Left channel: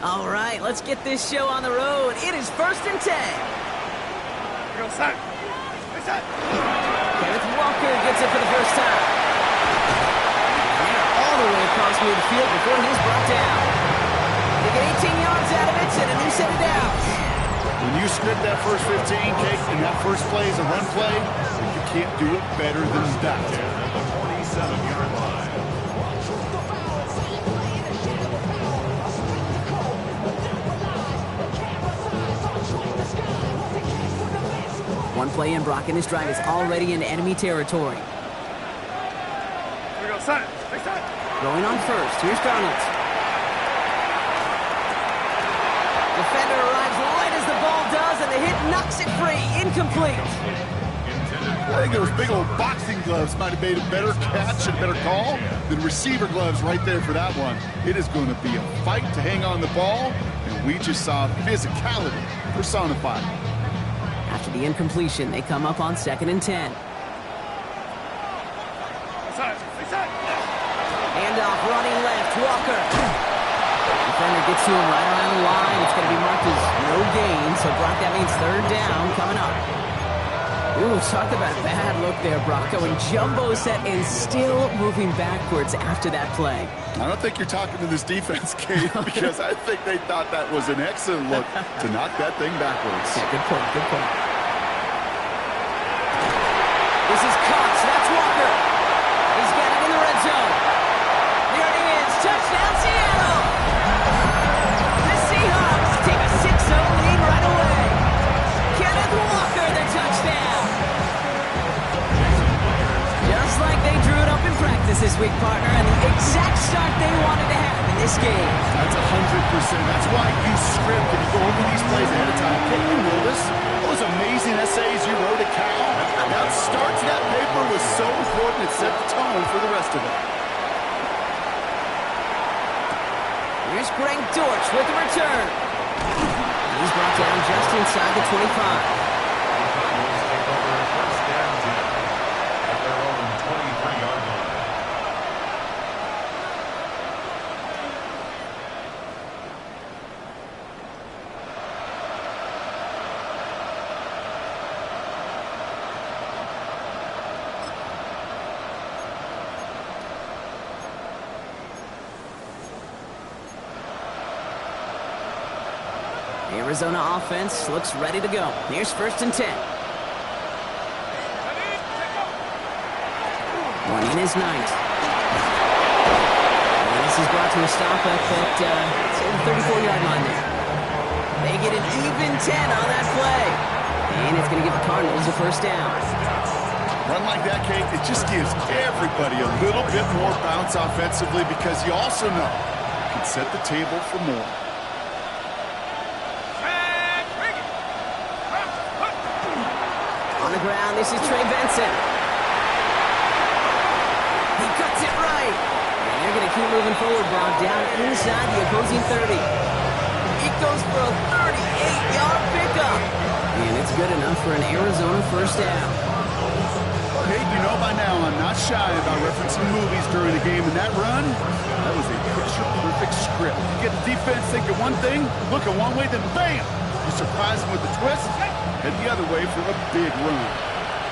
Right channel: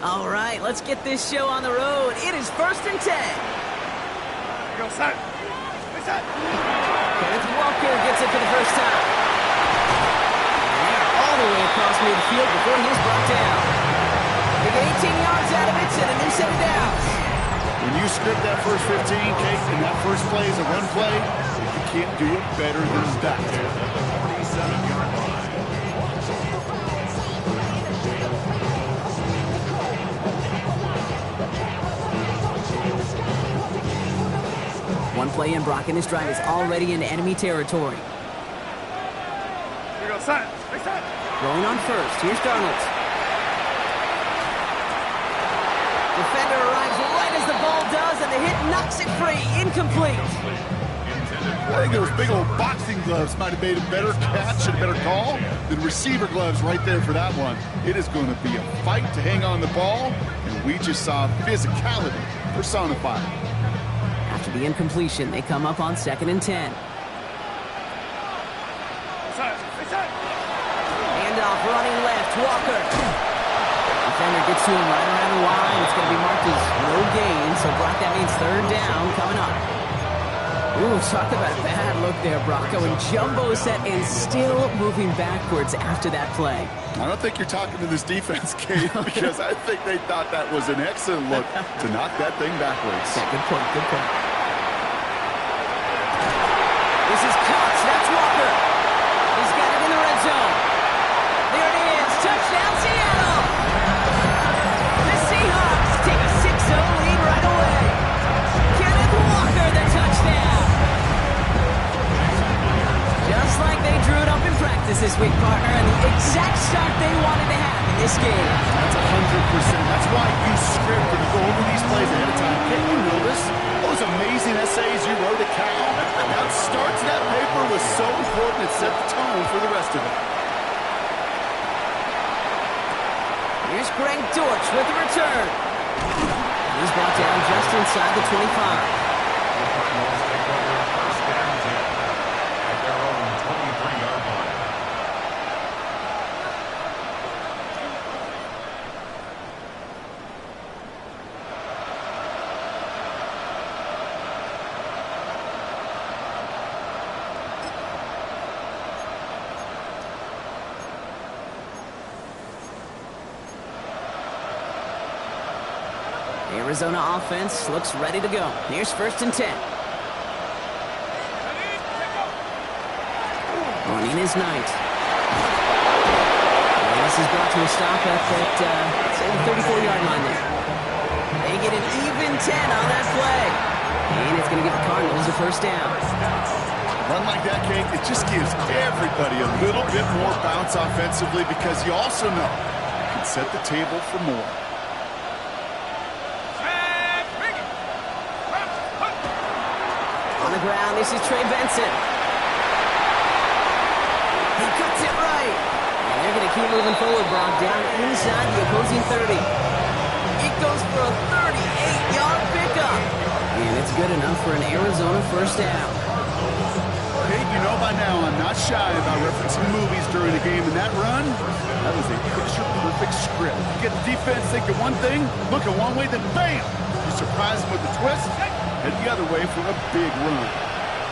All right, let's get this show on the road. It is 1st and 10. Here goes set. Hey, set. Kenneth Walker gets it for the first time. And they're all the way across midfield before he's brought down. They get 18 yards out of it and a new set of downs. When you script that first 15, Kate, and that first play is a run play, you can't do it better than that. At the 47-yard line. One play in, Brock, and his drive is already into enemy territory. Here goes set. Hey, set. Going on first. Here's Darnold. Defender arrives right as the ball does, and the hit knocks it free. Incomplete. I think those big old boxing gloves might have made a better catch and a better call than receiver gloves right there for that one. It is going to be a fight to hang on the ball, and we just saw physicality personified. After the incompletion, they come up on 2nd and 10. Set. Hey, set. Handoff running left. Walker. Defender gets to him right around the line. It's going to be marked as no gain. So, Brock, that means 3rd down coming up. Ooh, talk about a bad look there, Brocco. And jumbo set and still moving backwards after that play. I don't think you're talking to this defense, Kate, because I think they thought that was an excellent look to knock that thing backwards. Yeah, good point, good point. This is Cox. That's Walker. He's got it in the red zone. There it is. Touchdown, Seattle. The Seahawks take a 6-0 lead right away. Kenneth Walker, the touchdown. Just like they drew it up in practice this week, partner, and the exact start they wanted to have in this game. That's 100%. That's why you script and you go over these plays ahead of time. Kate, you know this. Those amazing essays you wrote at Cal. That start to that paper was so important. It set the tone for the rest of it. Here's Greg Dortch with the return. He's brought down just inside the 25. The Cardinals take over 1st and 10 at their own 23-yard line. Arizona offense looks ready to go. Here's 1st and 10. Running is Knight. And this is brought to a stop at that, say, the 34-yard line there. They get an even 10 on that play. And it's going to give the Cardinals a 1st down. A run like that, Kate, it just gives everybody a little bit more bounce offensively because you also know you can set the table for more. On the ground, this is Trey Benson. He cuts it right. And they're going to keep moving forward, Brock, down inside the opposing 30. It goes for a 38-yard pickup. And it's good enough for an Arizona 1st down. Kate, you know by now I'm not shy about referencing movies during a game, and that run, that was a picture-perfect script. You get the defense thinking one thing, looking one way, then bam! You surprise them with the twist, head the other way for a big run.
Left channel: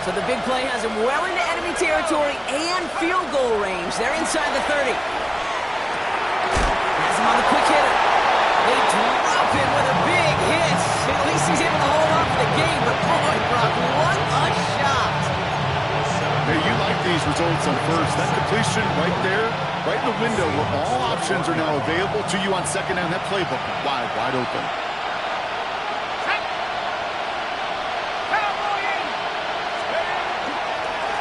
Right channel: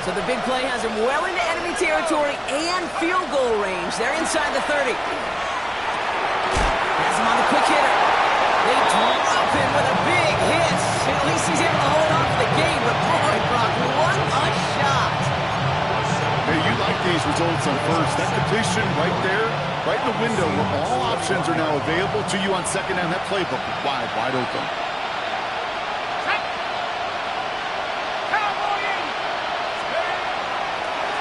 So the big play has him well into enemy territory and field goal range. They're inside the 30. Has him on the quick hitter. They drop him with a big hit. At least he's able to hold on for the game, but boy, Brock, what a shot. Hey, you like these results on first. That completion right there, right in the window where all options are now available to you on 2nd down. That playbook wide open.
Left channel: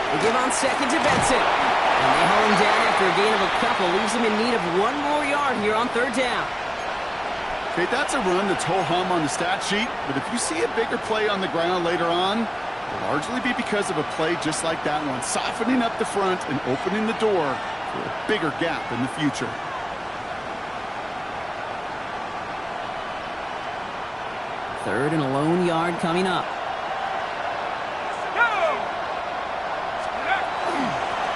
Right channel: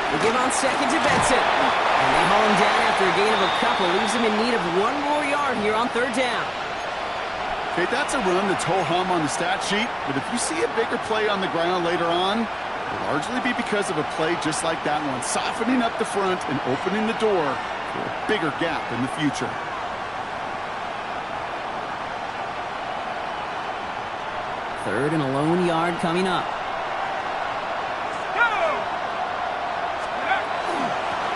They give on 2nd to Benson. And they haul him down after a gain of a couple. Leaves him in need of 1 more yard here on 3rd down. Okay, that's a run that's ho-hum on the stat sheet. But if you see a bigger play on the ground later on, it'll largely be because of a play just like that one. Softening up the front and opening the door for a bigger gap in the future. Third and a lone yard coming up.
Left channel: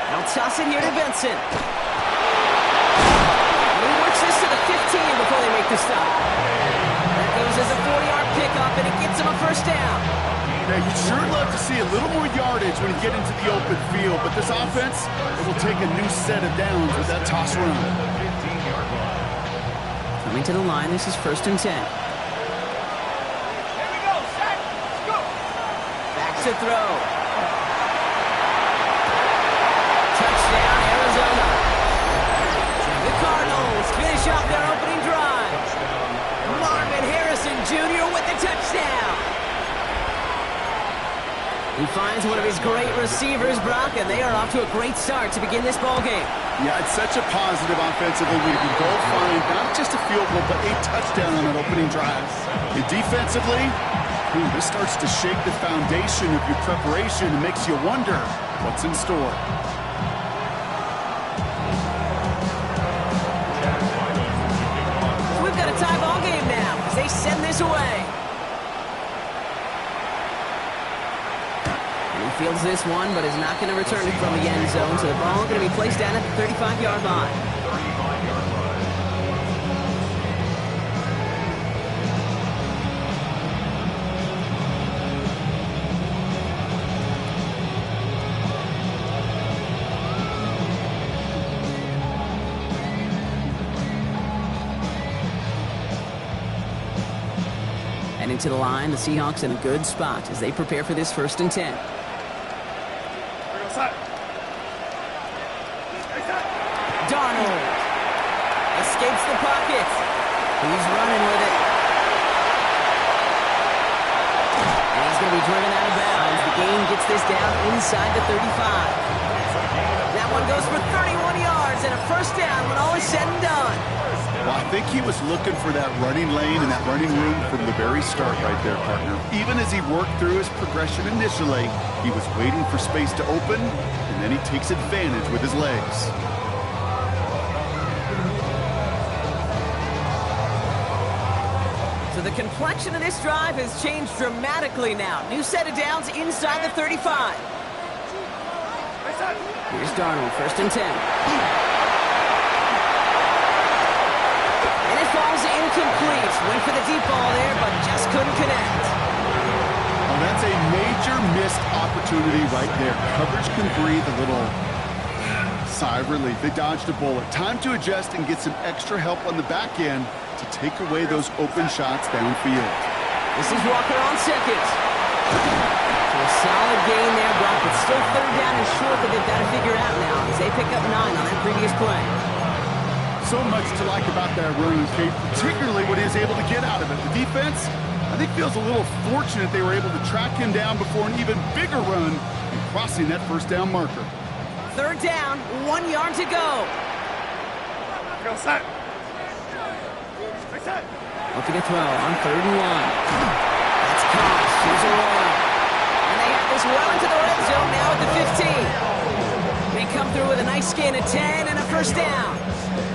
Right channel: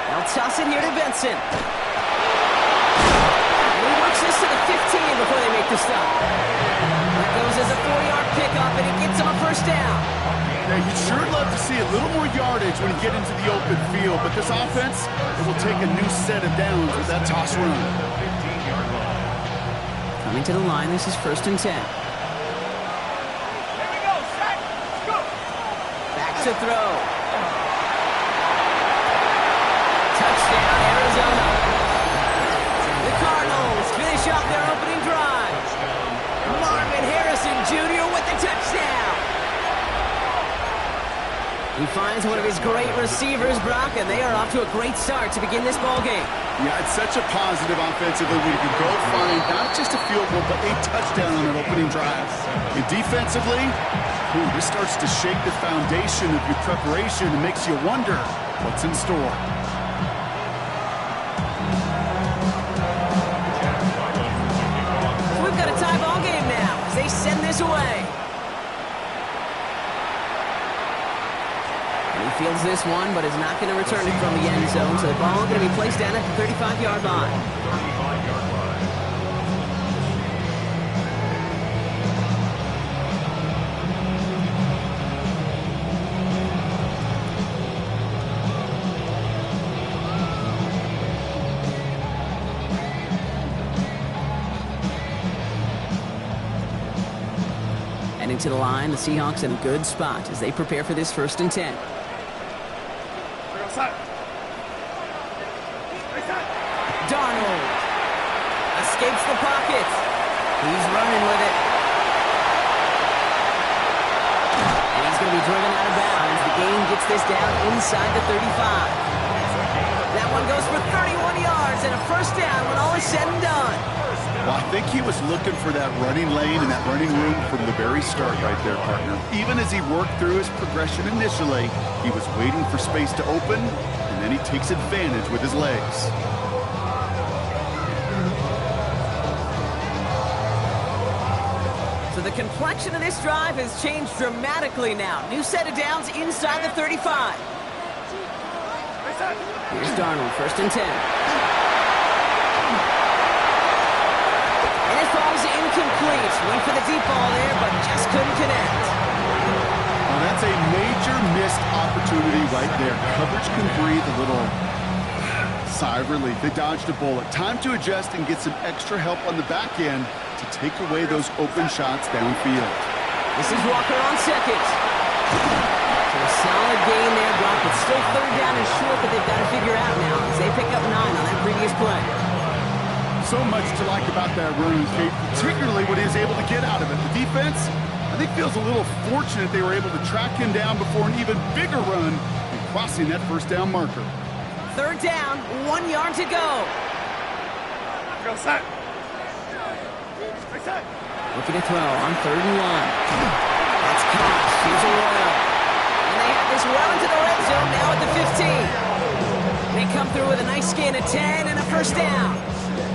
They'll toss it here to Benson. He was Marks this to the 15 before they make the stop. That goes as a 4-yard pickup, and it gets them a first down. Yeah, you'd sure love to see a little more yardage when you get into the open field, but this offense, it will take a new set of downs with that toss run. 15-yard line. Coming to the line, this is 1st and 10. Here we go, set, go. Back to throw. Touchdown, Arizona. The Cardinals finish off their opening drive. Marvin Harrison Jr. with the touchdown. He finds one of his great receivers, Brock, and they are off to a great start to begin this ball game. Yeah, it's such a positive offensively. We can go find not just a field goal, but a touchdown on that opening drive. And defensively, this starts to shake the foundation of your preparation and makes you wonder what's in store. So we've got a tie ball game now as they send this away. And he fields this one, but is not going to return it from the end zone. So the ball going to be placed down at the 35-yard line. 35-yard line. And into the line, the Seahawks in a good spot as they prepare for this 1st and 10. Darnold escapes the pocket. He's running with it. And he's going to be driven out of bounds. The gain gets this down inside the 35. That one goes for 31 yards and a first down when all is said and done. Well, I think he was looking for that running lane and that running room from the very start right there, partner. Even as he worked through his progression initially, he was waiting for space to open, and then he takes advantage with his legs. So the complexion of this drive has changed dramatically now. New set of downs inside the 35. Here's Darnold, 1st and 10. And it falls incomplete. Went for the deep ball there, but just couldn't connect. Oh, that's a major missed opportunity right there. Coverage can breathe a little sigh of relief. They dodged a bullet. Time to adjust and get some extra help on the back end to take away those open shots downfield. This is Walker on second. So a solid gain there, Brock, but still 3rd down and short that they've got to figure out now as they pick up 9 on that previous play. So much to like about that run, Kate, particularly what he was able to get out of it. The defense, I think, feels a little fortunate they were able to track him down before an even bigger run and crossing that 1st down marker. 3rd down, 1 yard to go. Go, set. Looking to throw on 3rd and 1. That's caught. Here's Arroyo. And they have this well into the red zone now at the 15. They come through with a nice gain of 10 and a first down.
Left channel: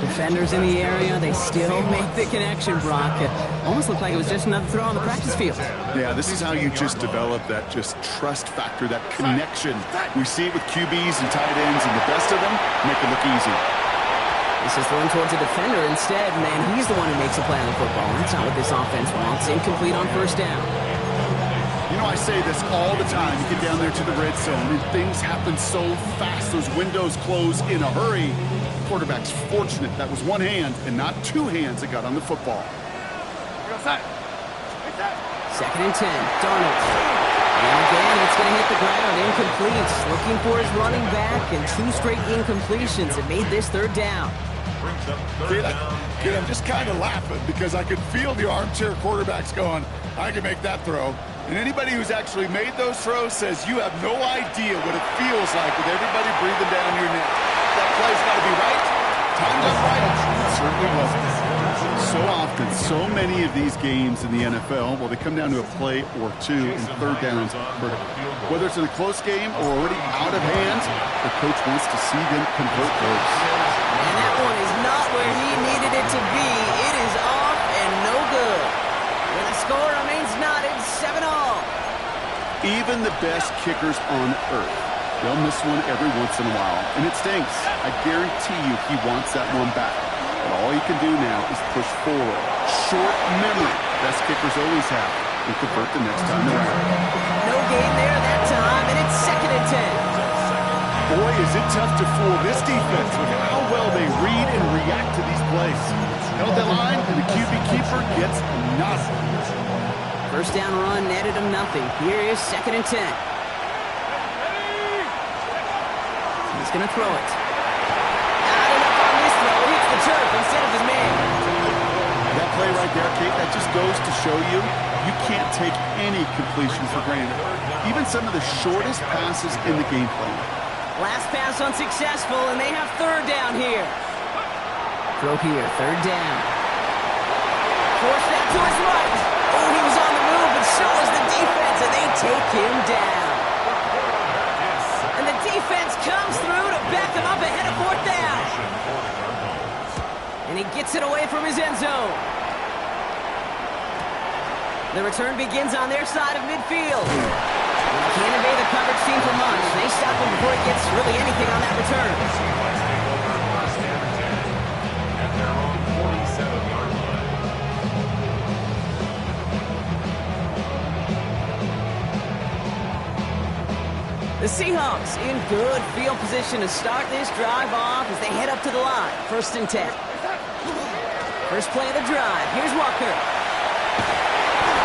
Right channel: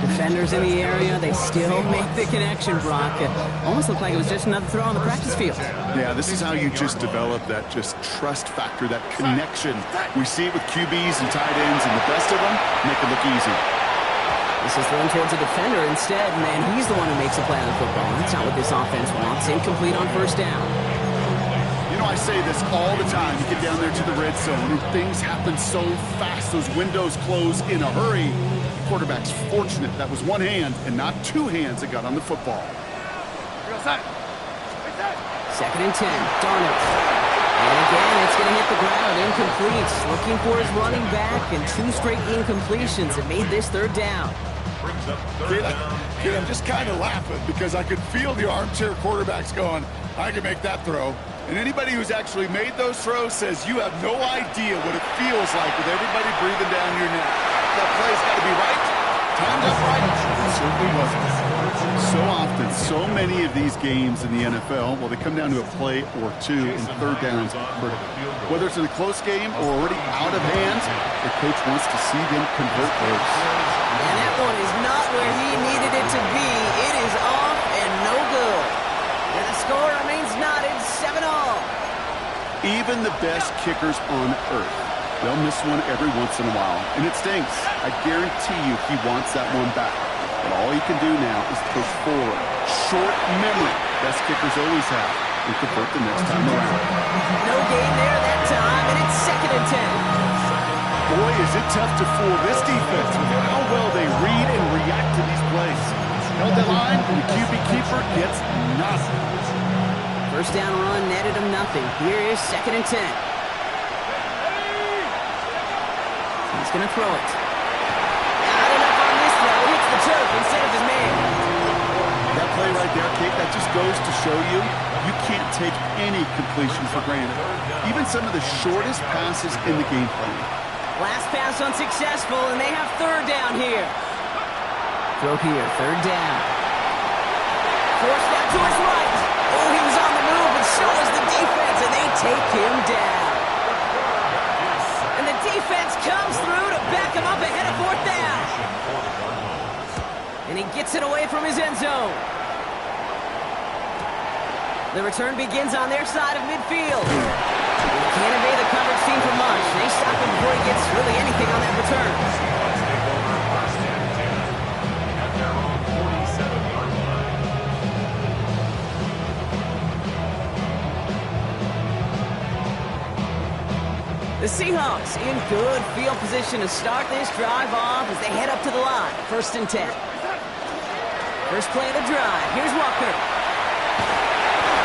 Defenders in the area, they still make the connection, Brock. It almost looked like it was just another throw on the practice field. Yeah, this is how you just develop that just trust factor, that connection. We see it with QBs and tight ends, and the best of them make it look easy. This is thrown towards a defender instead, man. He's the one who makes a play on the football. That's not what this offense wants. Incomplete on 1st down. You know, I say this all the time. You get down there to the red zone, and things happen so fast. Those windows close in a hurry. The quarterback's fortunate that was one hand and not 2 hands that got on the football. 2nd and 10. Darnold. And again, it's going to hit the ground. Incomplete. Looking for his running back, and 2 straight incompletions that made this 3rd down. Brings up 3rd down. Kid, I'm just kind of laughing because I could feel the armchair quarterbacks going, I can make that throw. And anybody who's actually made those throws says you have no idea what it feels like with everybody breathing down your neck. That play's got to be right, timed up right. It certainly wasn't. So often, so many of these games in the NFL, well, they come down to a play or 2 in 3rd downs. Whether it's in a close game or already out of hand, the coach wants to see them convert those. And that one is not where he needed it to be. It is off and no good. And the score remains knotted 7-all. Even the best kickers on earth, they'll miss one every once in a while, and it stinks. I guarantee you he wants that one back. But all he can do now is push forward. Short memory. Best kickers always have. And convert the next time around. No gain there that time, and it's 2nd and 10. Boy, is it tough to fool this defense with how well they read and react to these plays. Held that line, and the QB keeper gets nothing. First down run netted him nothing. Here is 2nd and 10. He's going to throw it. Not enough on this throw. Hits the turf instead of his man. That play right there, Kate, that just goes to show you can't take any completion for granted. Even some of the shortest passes in the game plan. Last pass unsuccessful, and they have 3rd down here. Throw here, 3rd down. Forced out to his right. Oh, he was on the move, but so was the defense, and they take him down. And the defense comes through to back him up ahead of 4th down. And he gets it away from his end zone. The return begins on their side of midfield. And he can't evade the coverage team for much. They stop him before he gets really anything on that return. Seahawks take over 1st and 10 at their own 47-yard line. The Seahawks in good field position to start this drive off as they head up to the line. 1st and 10. First play of the drive. Here's Walker.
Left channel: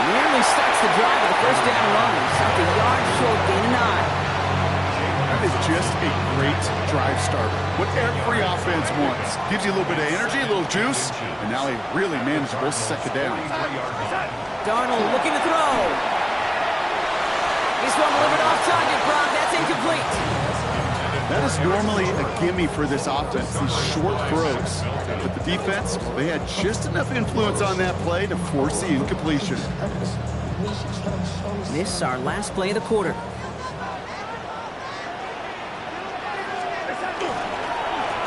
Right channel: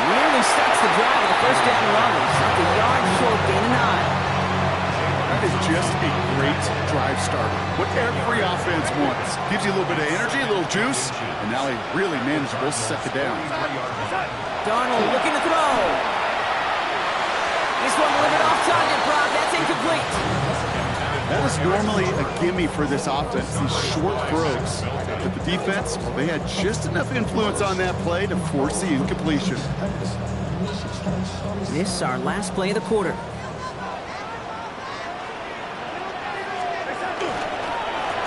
Nearly starts the drive with a 1st down run. Stopped a yard short, gain a 9. That is just a great drive starter. What every offense wants. Gives you a little bit of energy, a little juice, and now a really manageable 2nd down. Darnold looking to throw. This one delivered off target, Brock. That's incomplete. That is normally a gimme for this offense, these short throws. But the defense, well, they had just enough influence on that play to force the incompletion. This is our last play of the quarter.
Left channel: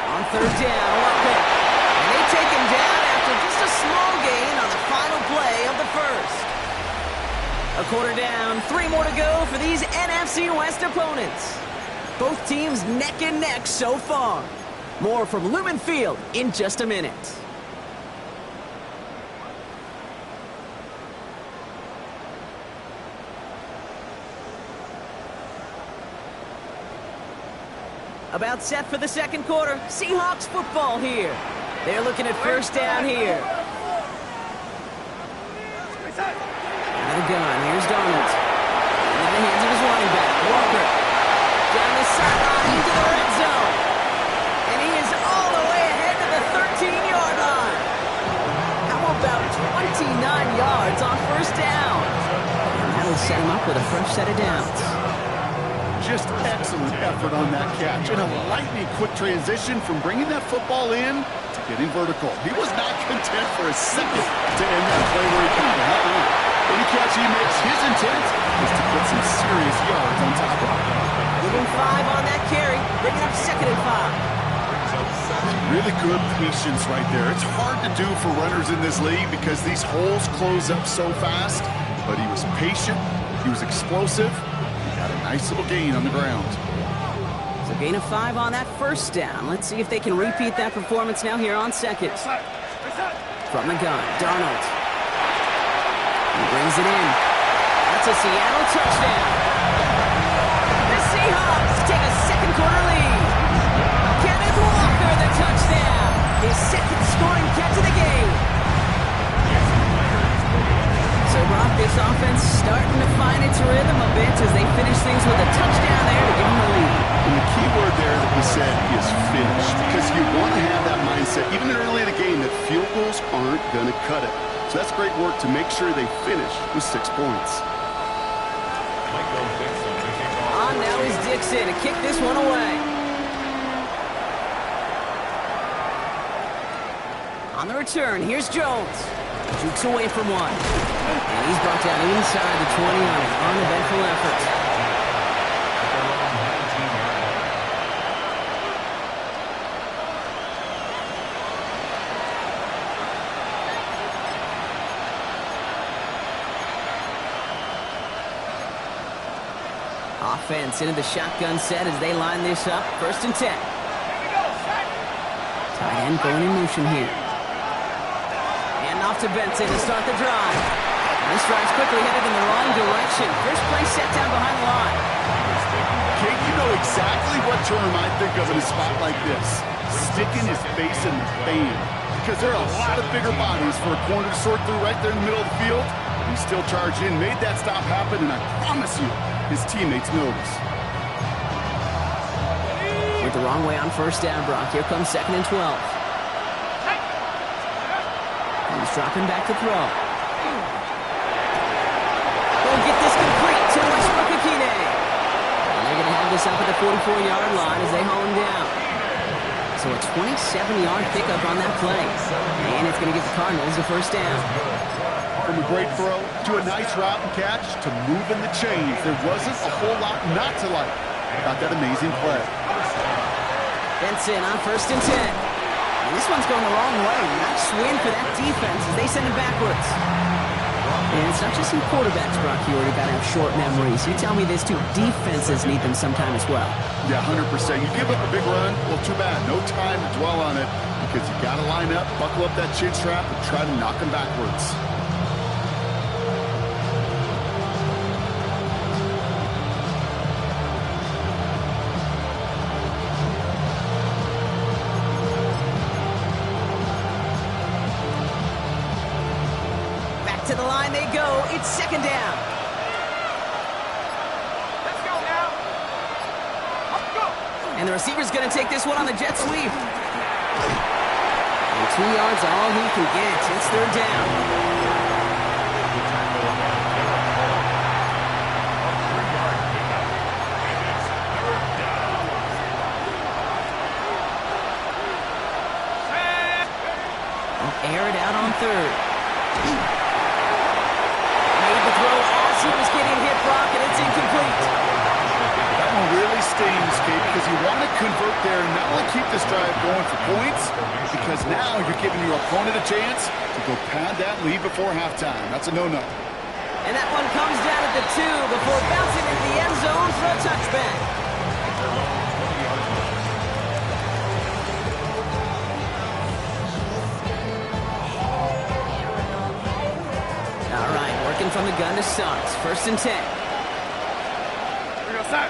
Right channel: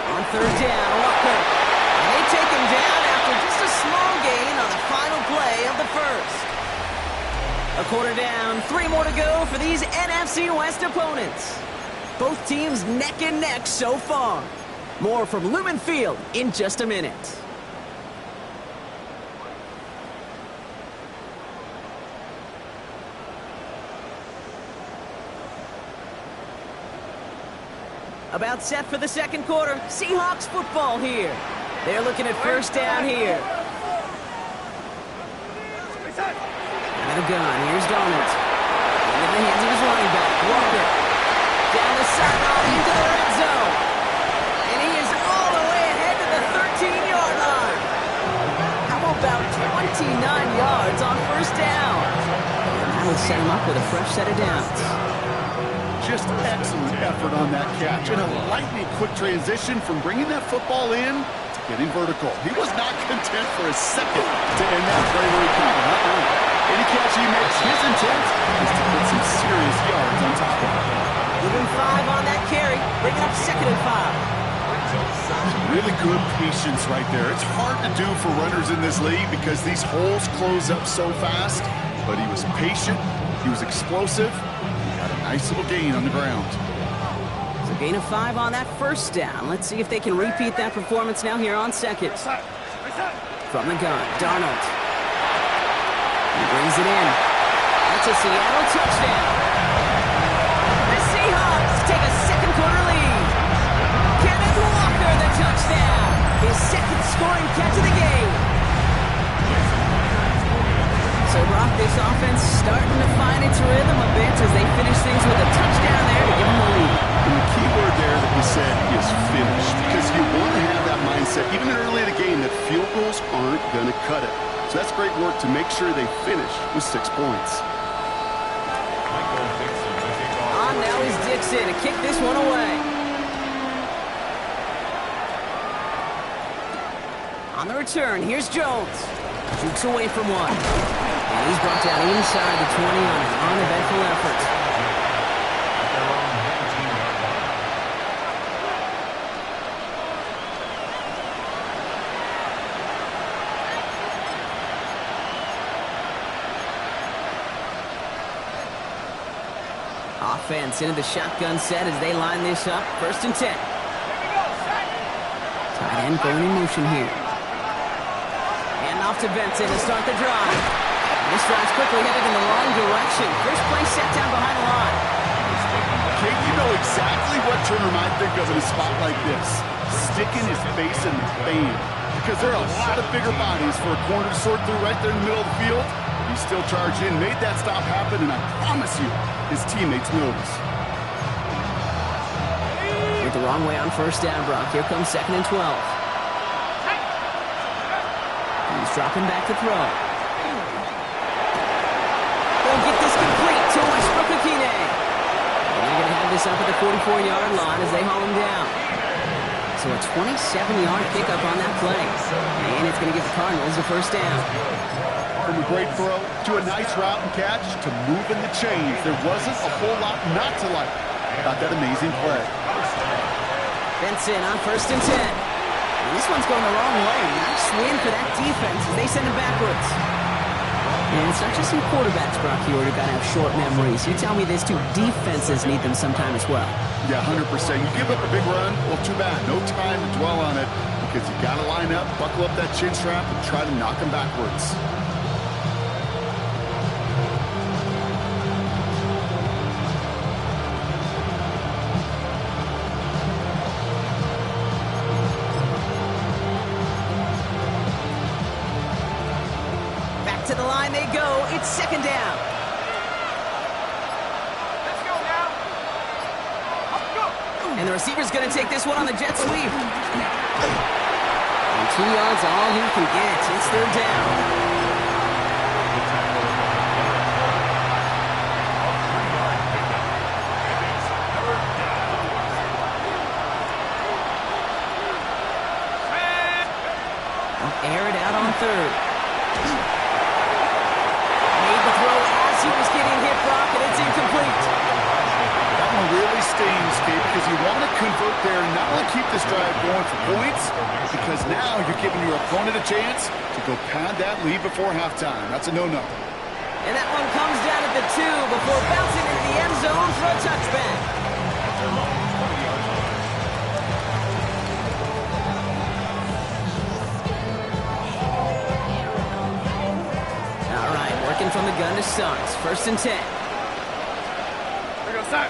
On 3rd down, Walker. And they take him down after just a small gain on the final play of the 1st. A quarter down, 3 more to go for these NFC West opponents. Both teams neck and neck so far. More from Lumen Field in just a minute. About set for the 2nd quarter. Seahawks football here. They're looking at 1st down here. Out of the gun. Here's Darnold. Into the hands of his running back, Walker. Down the sideline into the red zone. And he is all the way ahead to the 13-yard line. How about 29 yards on 1st down? And that'll set him up with a fresh set of downs. Just excellent effort on that catch. And a lightning quick transition from bringing that football in to getting vertical. He was not content for a second to end that play where he caught it. Any catch he makes, his intent is to put some serious yards on top of it. Give him 5 on that carry. Bring it up 2nd and 5. Really good patience right there. It's hard to do for runners in this league because these holes close up so fast. But he was patient. He was explosive. He got a nice little gain on the ground. So gain of 5 on that 1st down. Let's see if they can repeat that performance now here on 2nd. From the gun, Darnold. He brings it in. That's a Seattle touchdown. The Seahawks take a 2nd quarter lead. Kenneth Walker, the touchdown. His 2nd scoring catch of the game. So, Brock, this offense starting to find its rhythm a bit as they finish things with a touchdown there to give them the lead. And the key word there that he said is finish, because you want to have that mindset, even early in the game, that field goals aren't going to cut it. So that's great work to make sure they finish with 6 points. Michael Dixon to kick off. On now is Dixon to kick this one away. On the return, here's Jones. Jukes away from one. And he's brought down inside the 20 on an uneventful effort. At their own 19-yard line. Offense into the shotgun set as they line this up. 1st and 10. Tight end going in motion here. off to Benson to start the drive. This drive's quickly headed in the wrong direction. First play set down behind the line. Kate, you know exactly what term I think of in a spot like this. Sticking his face in the fan. Because there are a lot of bigger bodies for a corner to sort through right there in the middle of the field. But he still charged in, made that stop happen, and I promise you, his teammates notice. Went the wrong way on first down, Brock. Here comes 2nd and 12. He's dropping back to throw. He'll get this complete to Westbrook-Ikhine. And they're going to have this up at the 44-yard line as they haul him down. So a 27-yard pickup on that play. And it's going to give the Cardinals a first down. From a great throw to a nice route and catch to moving the chains, there wasn't a whole lot not to like about that amazing play. Benson on 1st and 10. And this one's going the wrong way. Nice win for that defense as they send it backwards. And it's not just some quarterbacks, Brock, you already got to have short memories. You tell me this too, defenses need them sometime as well. Yeah, 100%. You give up a big run, well, too bad. No time to dwell on it because you got to line up, buckle up that chin strap, and try to knock them backwards. To the line they go. It's 2nd down. Let's go now. Let's go. And the receiver's going to take this one on the jet sweep. And 2 yards all he can get. It's 3rd down. The tackle by Garrett Cole. A 3-yard pickup. And it's 3rd down. Air it out on 3rd. The throw as he was getting hit, Brock, and it's incomplete. That one really stings, Kate, because you want to convert there and not only keep this drive going for points, because now you're giving your opponent a chance to go pad that lead before halftime. That's a no-no. And that one comes down at the 2 before bouncing into the end zone for a touchback. At their own 20-yard line. All right, working from the gun to start. 1st and 10. Here we go, Sam.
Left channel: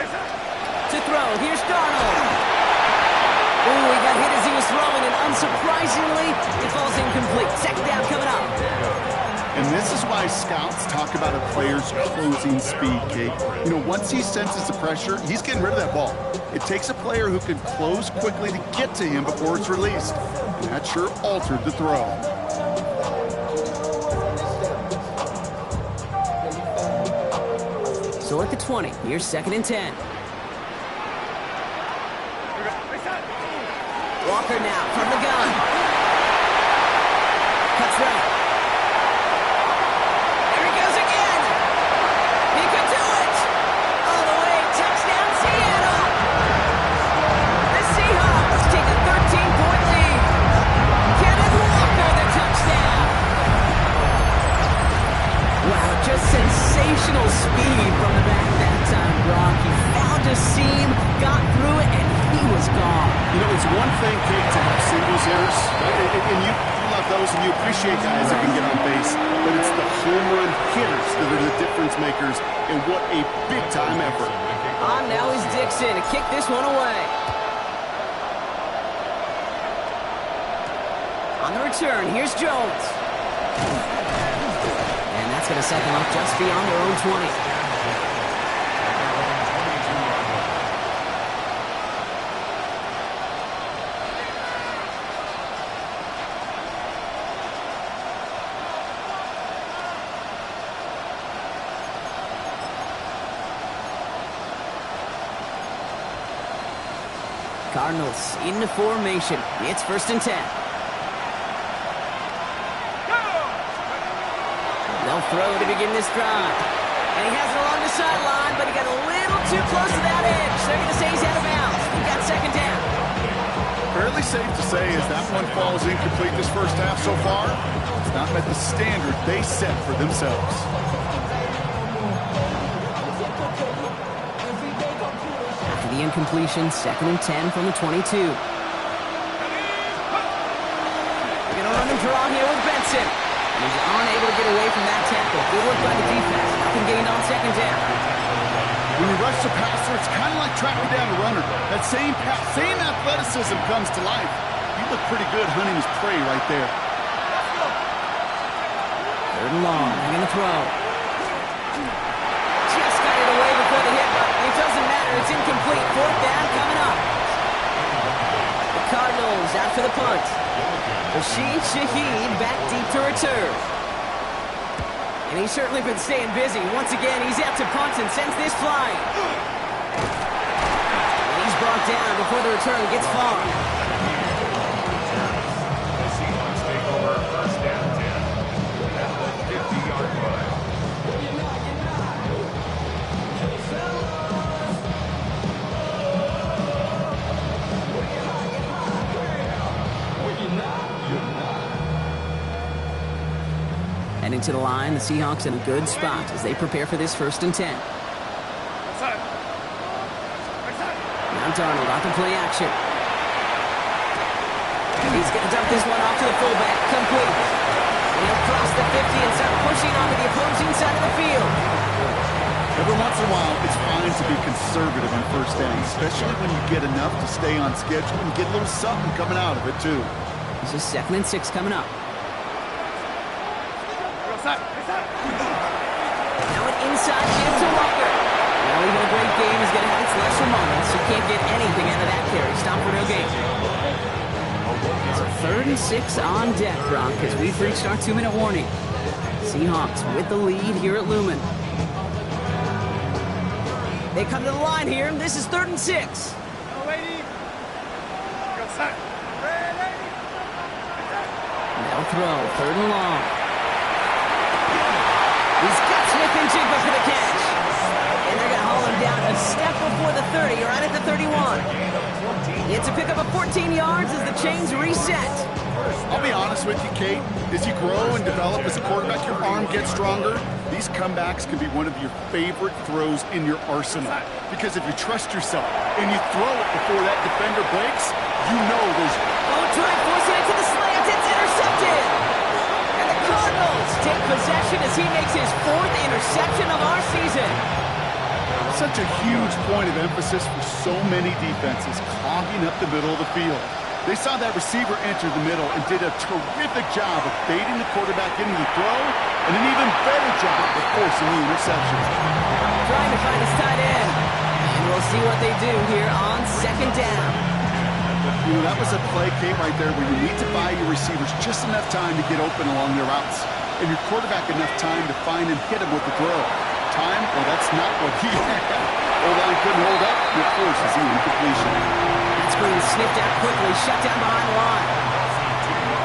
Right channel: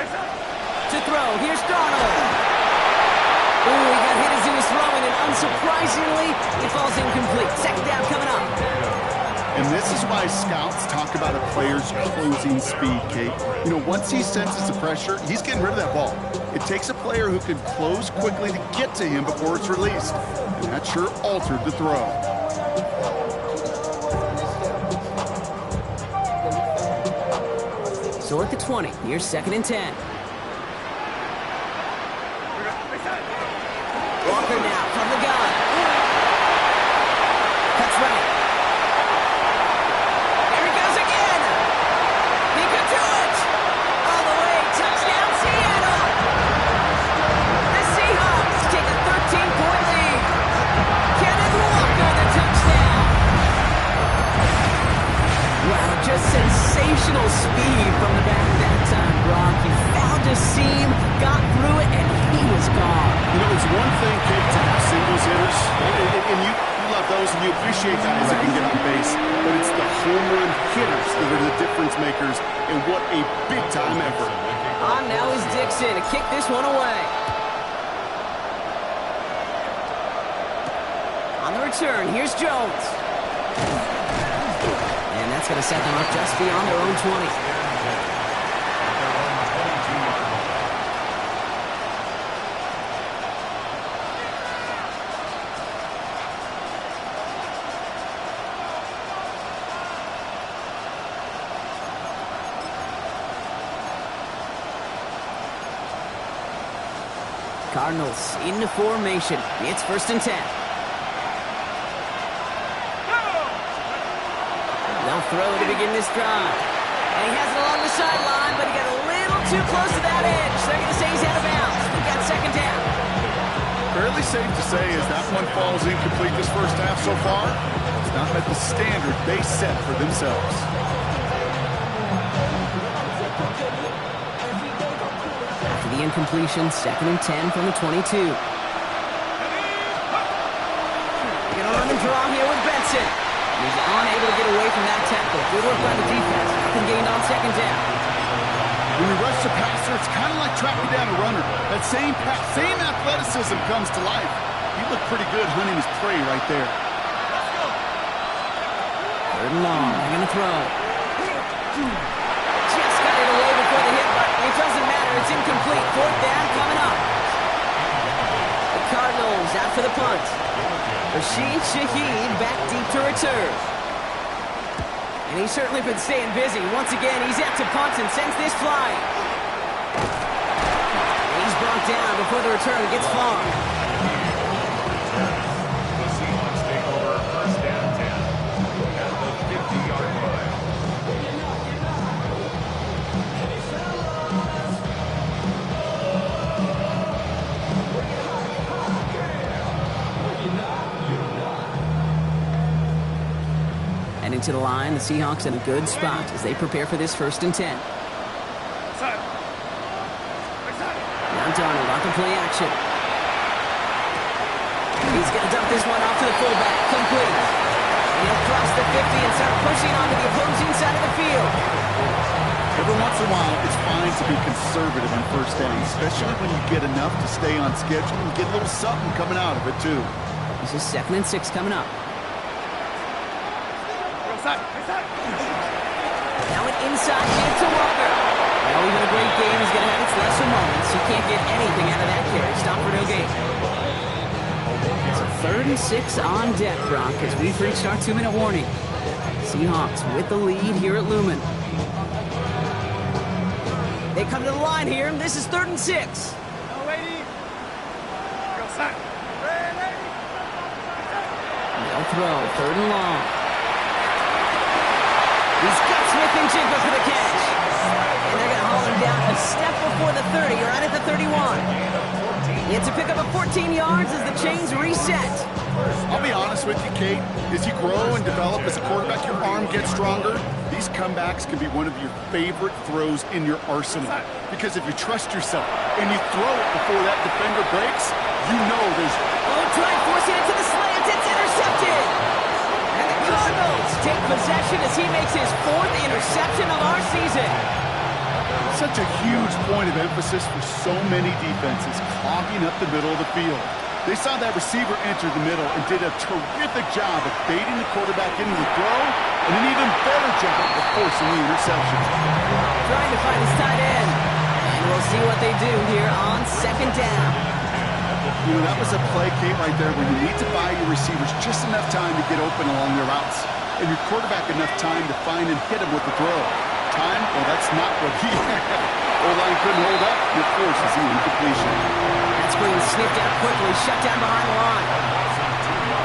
Hey, Sam. To throw, here's Darnold. Ooh, he got hit as he was throwing, and unsurprisingly, it falls incomplete. 2nd down coming up. And this is why scouts talk about a player's closing speed, Kate. You know, once he senses the pressure, he's getting rid of that ball. It takes a player who can close quickly to get to him before it's released. And that sure altered the throw. So at the 20, here's 2nd and 10. Here we go. Hey, Sam. Walker now from the gun. Cuts right. There he goes again. He could do it. All the way. Touchdown, Seattle. The Seahawks take a 13-point lead. Kenneth Walker, the touchdown. Wow, just sensational speed from the back that time, Brock. He found a seam, got through it, and he was gone. You know, it's one thing, Kate, to have singles hitters, and you love those, and you appreciate guys that can get on base, but it's the home run hitters that are the difference makers, and what a big-time effort. On now is Dixon to kick this one away. On the return, here's Jones. And that's going to set them up just beyond their own 20. At their own 22-yard line. Cardinals into formation. It's 1st and 10. They'll throw to begin this drive. And he has it along the sideline, but he got a little too close to that edge. They're going to say he's out of bounds. We've got 2nd down. Fairly safe to say as that one falls incomplete this first half so far, it's not met the standard they set for themselves. After the incompletion, 2nd and 10 from the 22. Gonna run and draw here with Benson. And he's unable to get away from that tackle. Good work by the defense. Nothing gained on second down. When you rush the passer, it's kind of like tracking down a runner. That same pass, same athleticism comes to life. He looked pretty good hunting his prey right there. Third and long. They're going to throw. Just got it away before the hit, but it doesn't matter. It's incomplete. Fourth down coming up. The Cardinals out for the punt. Rashid Shaheed back deep to return. And he's certainly been staying busy. Once again, he's out to punt and sends this flying. And he's brought down before the return gets far. The Seahawks take over first and 10 at the 50-yard line. And into the line, the Seahawks in a good spot as they prepare for this first and 10. Now Darnold off the play action. He's going to dump this one off to the fullback. Complete. And he'll cross the 50 and start pushing onto the opposing side of the field. Every once in a while, it's fine to be conservative on first down, especially when you get enough to stay on schedule and get a little something coming out of it, too. This is 2nd and 6 coming up. Now an inside give to Walker. Well, even a great game is going to have its lesser moments. You can't get anything out of that carry. Stop for no gain. So 3rd and 6 on deck, Brock, as we've reached our 2-minute warning. Seahawks with the lead here at Lumen. They come to the line here. This is 3rd and 6. They'll throw 3rd and long. He's got Smith and Jigba for the catch. And they're going to haul him down a step before the 30, right at the 31. It's a pickup of 14 yards as the chains reset. I'll be honest with you, Kate. As you grow and develop as a quarterback, your arm gets stronger. These comebacks can be one of your favorite throws in your arsenal. Because if you trust yourself and you throw it before that defender breaks, you know there's... Oh, try forcing it to the slant. It's intercepted. And the Cardinals take possession as he makes his 4th interception of our season. Such a huge point of emphasis for so many defenses, clogging up the middle of the field. They saw that receiver enter the middle and did a terrific job of baiting the quarterback into the throw, and an even better job of forcing the interception. Trying to find his tight end. And we'll see what they do here on 2nd down. You know, that was a play, Kate, right there, where you need to buy your receivers just enough time to get open along their routes, and your quarterback enough time to find and hit him with the throw. Time? Well, that's not what he had. O-line couldn't hold up, and it forces the incompletion. That screen sniffed out quickly, shut down behind the line.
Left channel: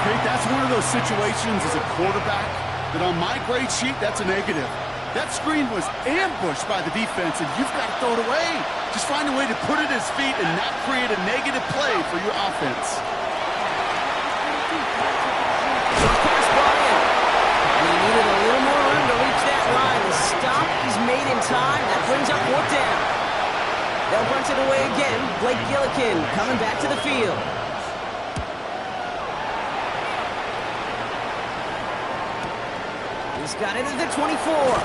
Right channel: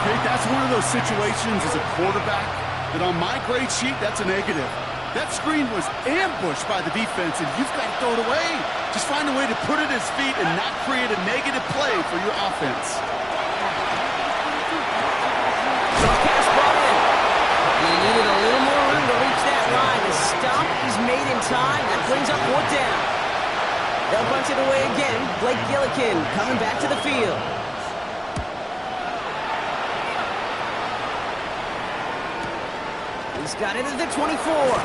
Kate, that's one of those situations as a quarterback that on my grade sheet, that's a negative. That screen was ambushed by the defense, and you've got to throw it away. Just find a way to put it at his feet and not create a negative play for your offense. Short pass brought in. And he needed a little more room to reach that line. The stop is made in time. That brings up 4th down. They'll punch it away again. Blake Gillikin coming back to the field. He's got it at the 24.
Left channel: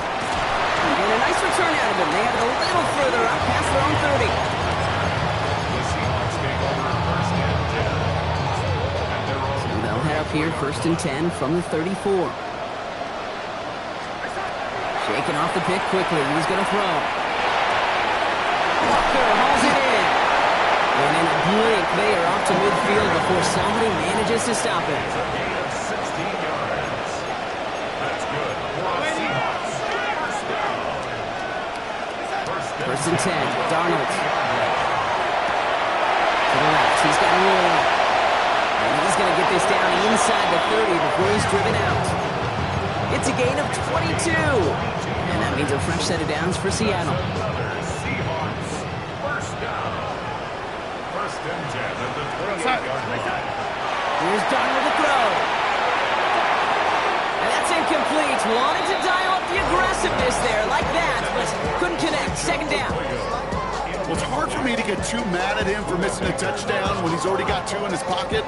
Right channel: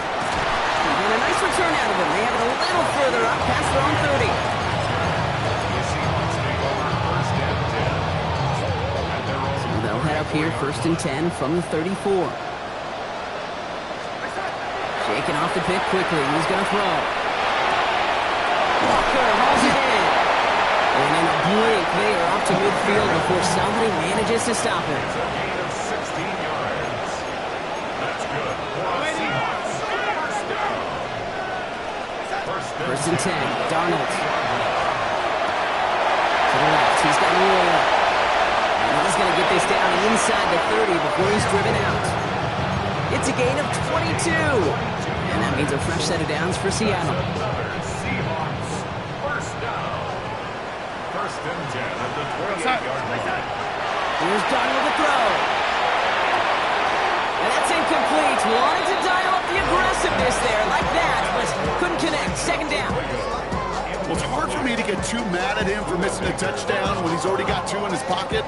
And a nice return out of him. They have it a little further up past their own 30. The Seahawks take over first and 10. And they're all So they'll head up here 1st and 10 from the 34. Shaking off the pick quickly. He's going to throw. Walker hauls it in. And in a blink, they are off to midfield before somebody manages to stop it. It's a gain of 16 yards. That's good for the Seahawks. First and 10. Darnold. To the left. He's got to roll up. And he's going to get this down inside the 30 before he's driven out. It's a gain of 22. And that means a fresh set of downs for Seattle. Another Seahawks first down. First and 10 at the 28-yard line. Here's Darnold to throw. And that's incomplete. Wanted to dial up the aggressiveness there like that, but couldn't connect. 2nd down. Well, it's hard for me to get too mad at him for missing a touchdown when he's already got 2 in his pocket.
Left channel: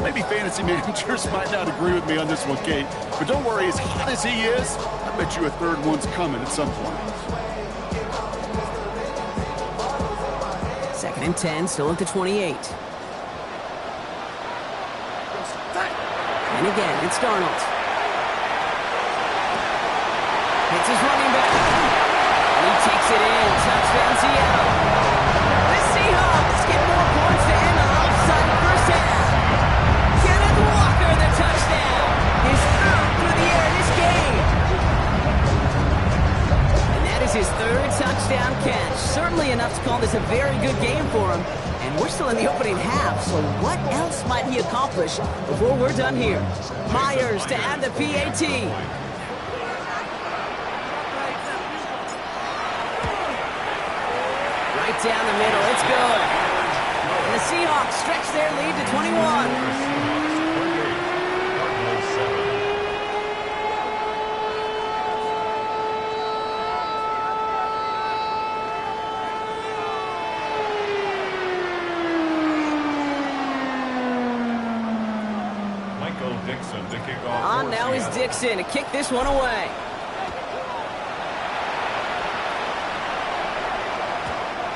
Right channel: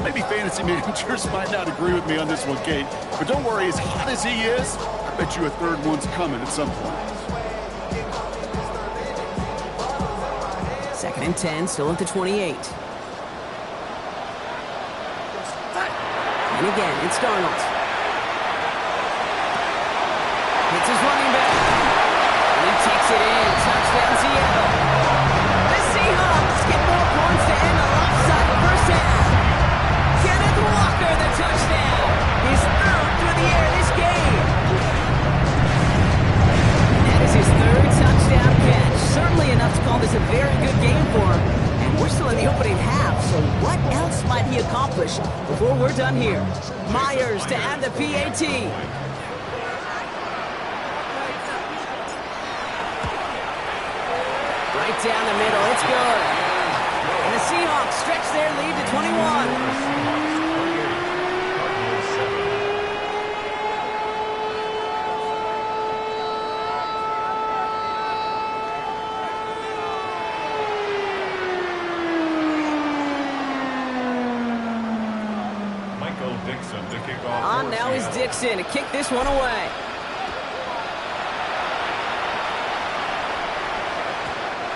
Maybe fantasy managers might not agree with me on this one, Kate. But don't worry, as hot as he is, I bet you a third one's coming at some point. 2nd and 10, still at the 28. And again, it's Darnold. Hits his running back. And he takes it in. Touchdown, Seattle. The Seahawks get more points to end the lopsided first half. Kenneth Walker, the touchdown. His 3rd through the air this game. And that is his 3rd touchdown catch. Certainly enough to call this a very good game for him. And we're still in the opening half, so what else might he accomplish before we're done here? Myers to add the PAT. Right down the middle, it's good. And the Seahawks stretch their lead to 21. Dixon to kick off. On now is Dixon to kick this one away.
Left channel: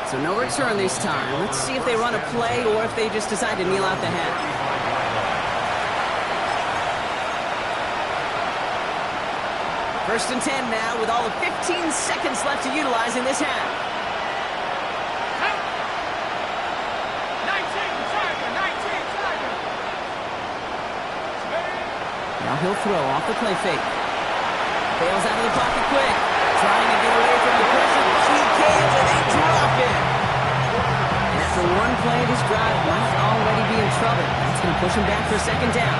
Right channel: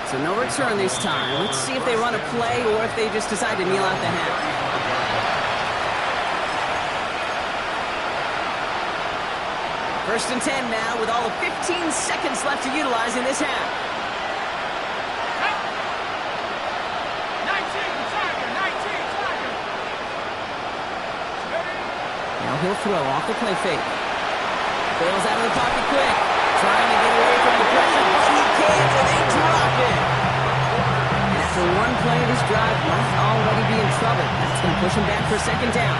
So no return this time. Let's see if they run a play or if they just decide to kneel out the half. First and 10 now with all of 15 seconds left to utilize in this half. Now he'll throw off the play fake. Bails out of the pocket quick. Trying to get away from the pressure, but he can't, and they drop it. And after one play, this drive might already be in trouble. That's going to push him back for 2nd down.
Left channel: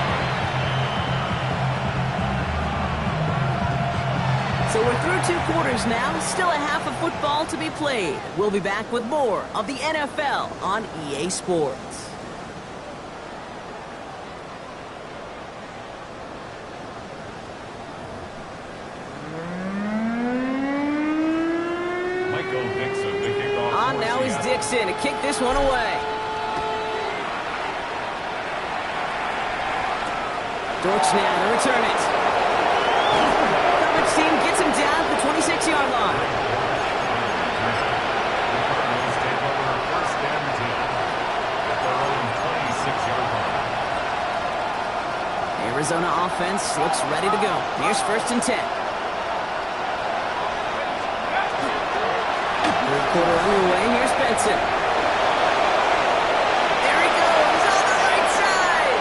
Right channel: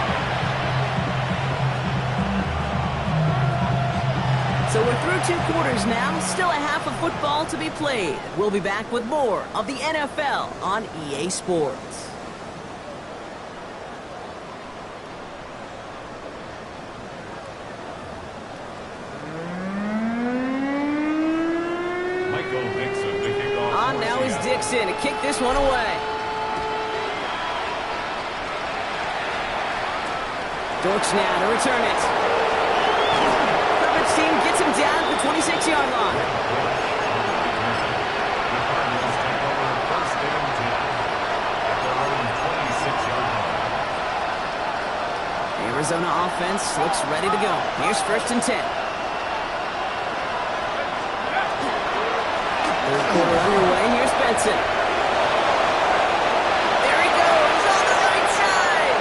So we're through 2 quarters now. Still a half of football to be played. We'll be back with more of the NFL on EA Sports. Dixon to kick this one away. Dortch now to return it. Coverage team gets him down at the 26-yard line. The Cardinals take over 1st and 10 at their own 26-yard line. Arizona offense looks ready to go. Here's 1st and 10. 3rd quarter underway. Here's Benson. There he goes on the right side.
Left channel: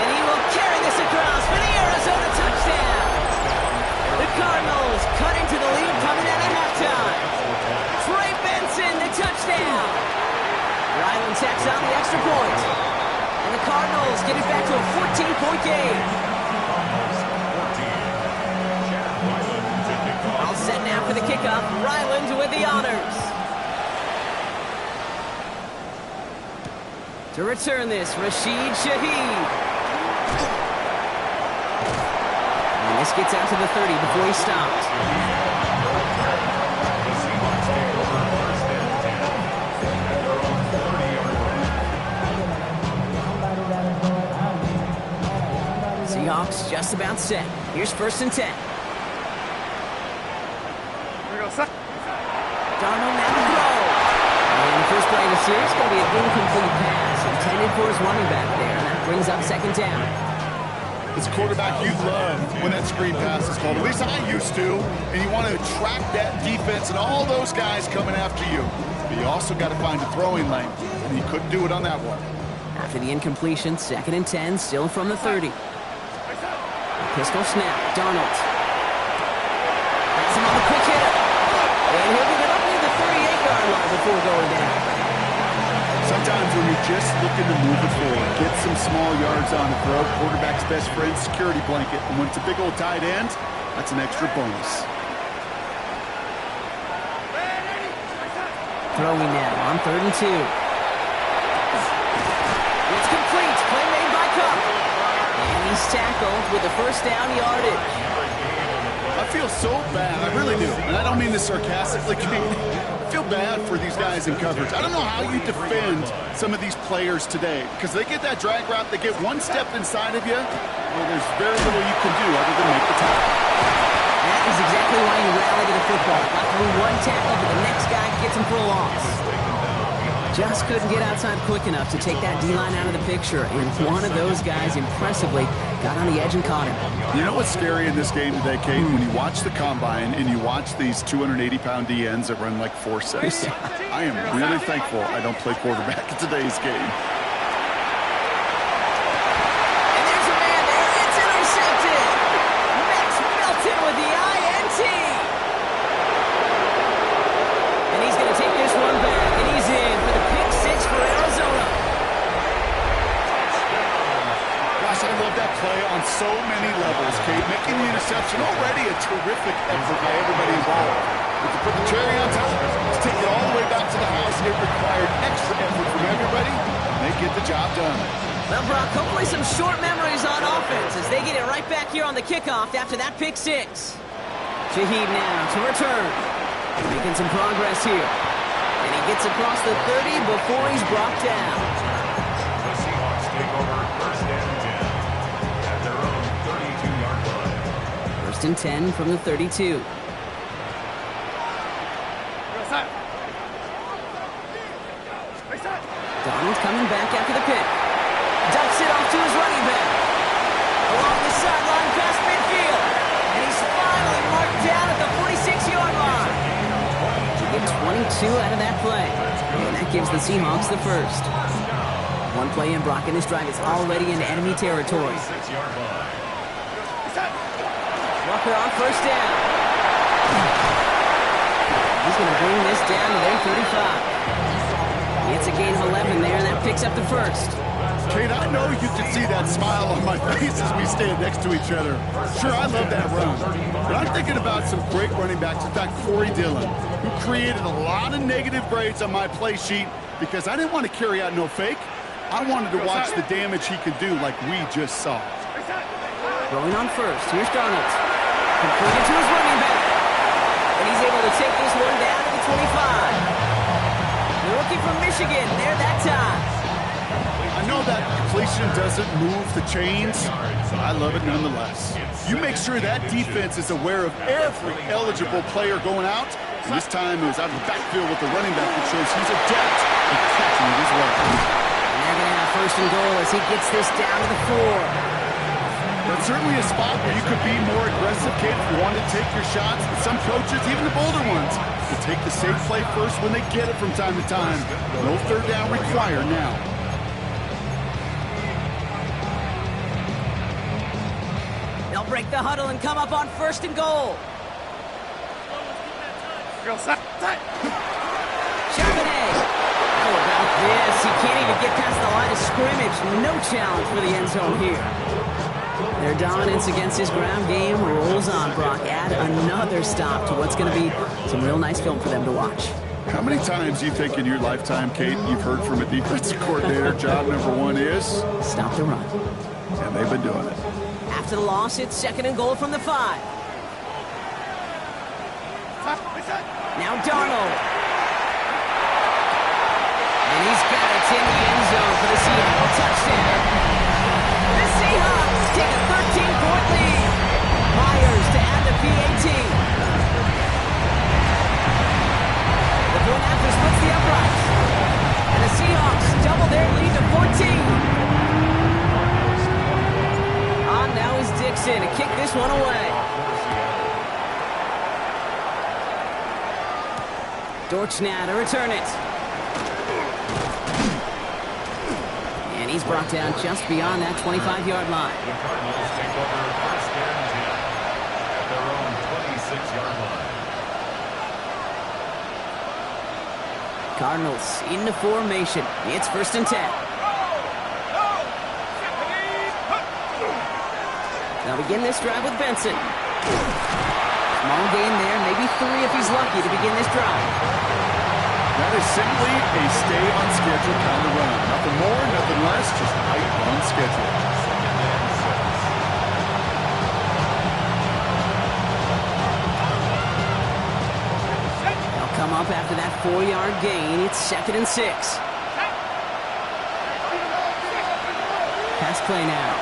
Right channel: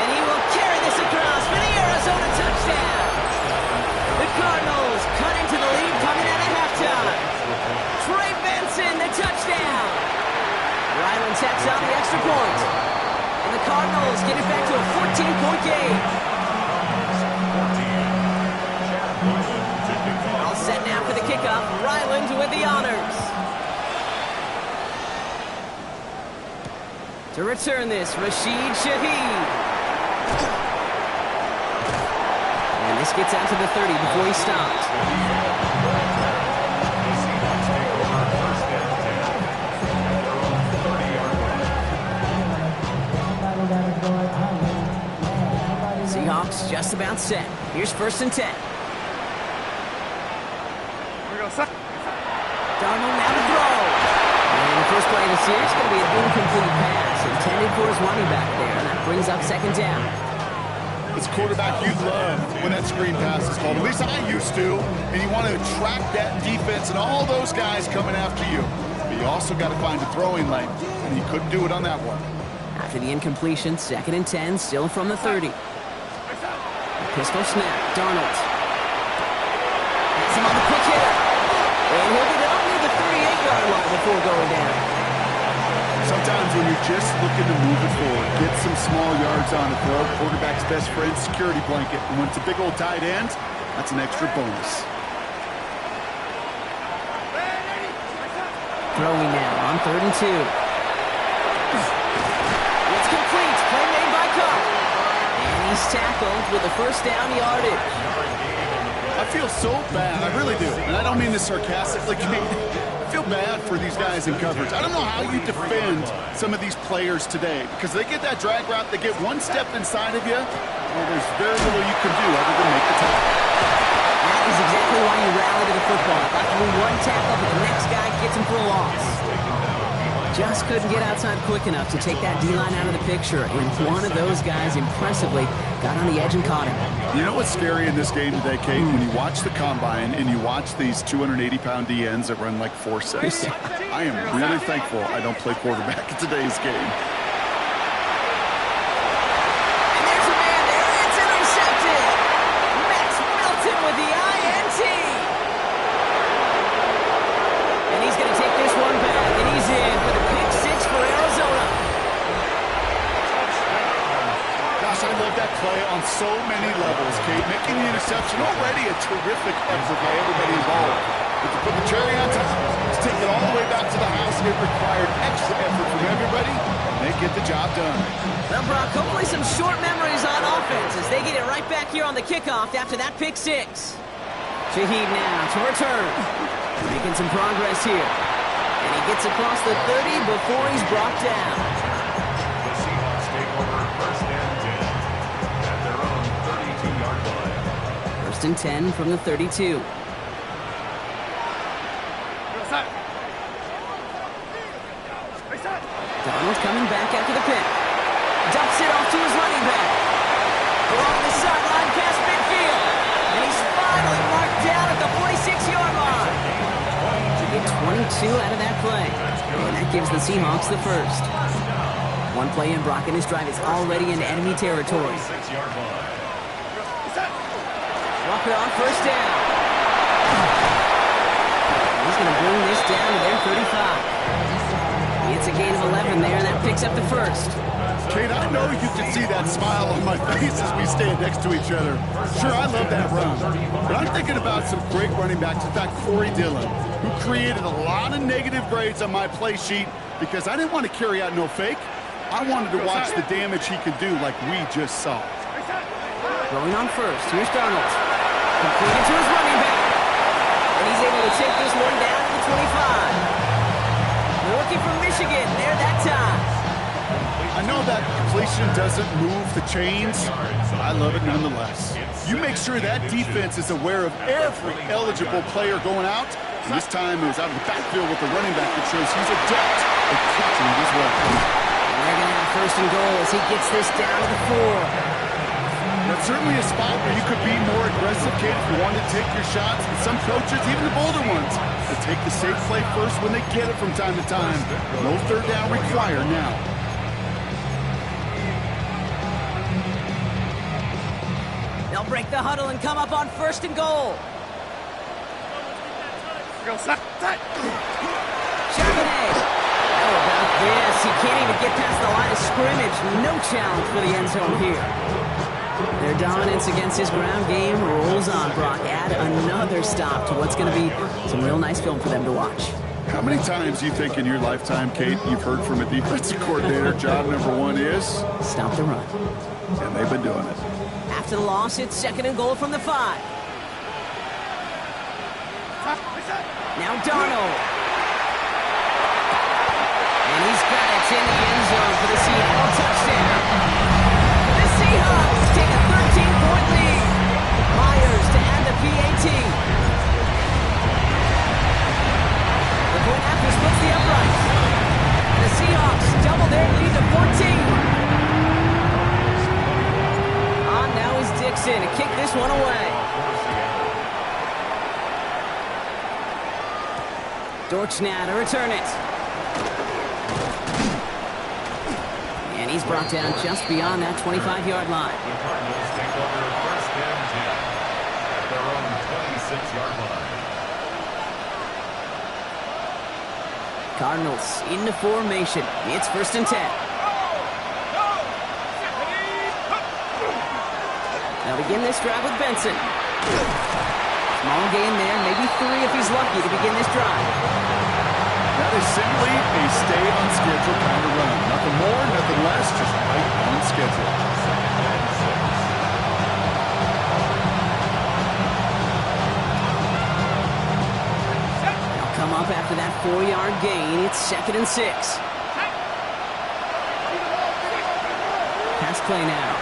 And he will carry this across for the Arizona touchdown. The Cardinals cut into the lead coming out of halftime. Trey Benson, the touchdown. Ryland tacks on the extra point. And the Cardinals get it back to a 14-point game. All set now for the kickoff. Ryland with the honors. To return this, Rashid Shaheed. And this gets out to the 30 before he stops. The Seahawks take over 1st and 10 at their own 30-yard line. Seahawks just about set. Here's 1st and 10. Darnold now to throw. And the first play of the series is going to be an incomplete pass intended for his running back there. And that brings up 2nd down. It's quarterback you love when that screen pass is called. At least I used to. And you want to attract that defense and all those guys coming after you. But you also got to find a throwing lane. And he couldn't do it on that one. After the incompletion, 2nd and 10, still from the 30. A pistol snap. Darnold. That's him on the quick hitter. And he'll get it up near the 38-yard line before going down. Sometimes when you're just looking to move it forward, get some small yards on the throw, quarterback's best friend, security blanket. And when it's a big old tight end, that's an extra bonus. Throwing now on 3rd and 2. It's complete. Play made by Cup. And he's tackled with the 1st down yardage. I feel so bad. I really do. And I don't mean this sarcastically, Kate. I feel bad for these guys in coverage. I don't know how you defend some of these players today because they get that drag route, they get one step inside of you, well, there's very little you can do other than make the tackle. That is exactly why you rally to the football. Got through one tackle, but the next guy gets him for a loss. Just couldn't get outside quick enough to take that D-line out of the picture, and one of those guys impressively got on the edge and caught him. You know what's scary in this game today, Kate? When you watch the combine and you watch these 280-pound DNs that run like 4.6. I am really thankful I don't play quarterback in today's game. And there's a man there. It's intercepted. Max Melton with the INT. And he's going to take this one back, and he's in for the pick six for Arizona. Gosh, I love that play on so many levels, Kate. Making the interception already a terrific effort by everybody involved. But to put the cherry on top, to take it all the way back to the house, it required extra effort from everybody, and they get the job done. Well, Brock, hopefully some short memories on offense as they get it right back here on the kickoff after that pick six. Shaheed now to return. Making some progress here. And he gets across the 30 before he's brought down. The Seahawks take over first and 10 at their own 32-yard line. First and 10 from the 32. Donald coming back after the pick. Dumps it off to his running back. Along the sideline past midfield. And he's finally marked down at the 46-yard line. To get 22 out of that play. And that gives the Seahawks the first. One play in, Brock, and his drive is already into enemy territory. Walker on first down. He's going to bring this down to their 35. It's a gain of 11 there, and that picks up the first. Kate, I know you can see that smile on my face as we stand next to each other. Sure, I love that run. But I'm thinking about some great running backs. In fact, Corey Dillon, who created a lot of negative grades on my play sheet because I didn't want to carry out no fake. I wanted to watch the damage he could do like we just saw. Throwing on first. Here's Darnold. Completed to his running back. And he's able to take this one down to the 25. The rookie from Michigan there that time. I know that completion doesn't move the chains, but I love it nonetheless. You make sure that defense is aware of every eligible player going out. And this time it was out of the backfield with the running back that shows he's adept at catching it as well. And they're going to have first and goal as he gets this down to the 4. That's certainly a spot where you could be more aggressive, Kate, if you wanted to take your shots. But some coaches, even the bolder ones, will take the safe play first when they get it from time to time. No third down required now. They'll break the huddle and come up on first and goal. Charbonnet. How about this? He can't even get past the line of scrimmage. No challenge for the end zone here. Their dominance against his ground game rolls on, Brock. Add another stop to what's going to be some real nice film for them to watch. How many times do you think in your lifetime, Kate, you've heard from a defensive coordinator, job number one is? Stop the run. And they've been doing it. After the loss, it's second and goal from the 5. Now Darnold. And he's got it in the end zone for the Seattle touchdown. The Seahawks take a 13-point lead. Myers to add the PAT. The point after splits the uprights. And the Seahawks double their lead to 14. On now is Dixon to kick this one away. Dortch now to return it. And he's brought down just beyond that 25-yard line. The Cardinals take over first and 10 at their own 26-yard line. Cardinals into formation. It's first and 10. They'll begin this drive with Benson. Small gain there, maybe 3 if he's lucky to begin this drive. That is simply a stay-on-schedule kind of run. Nothing more, nothing less, just right on schedule. Second and 6. up after that 4-yard gain. It's 2nd and 6. Pass play now.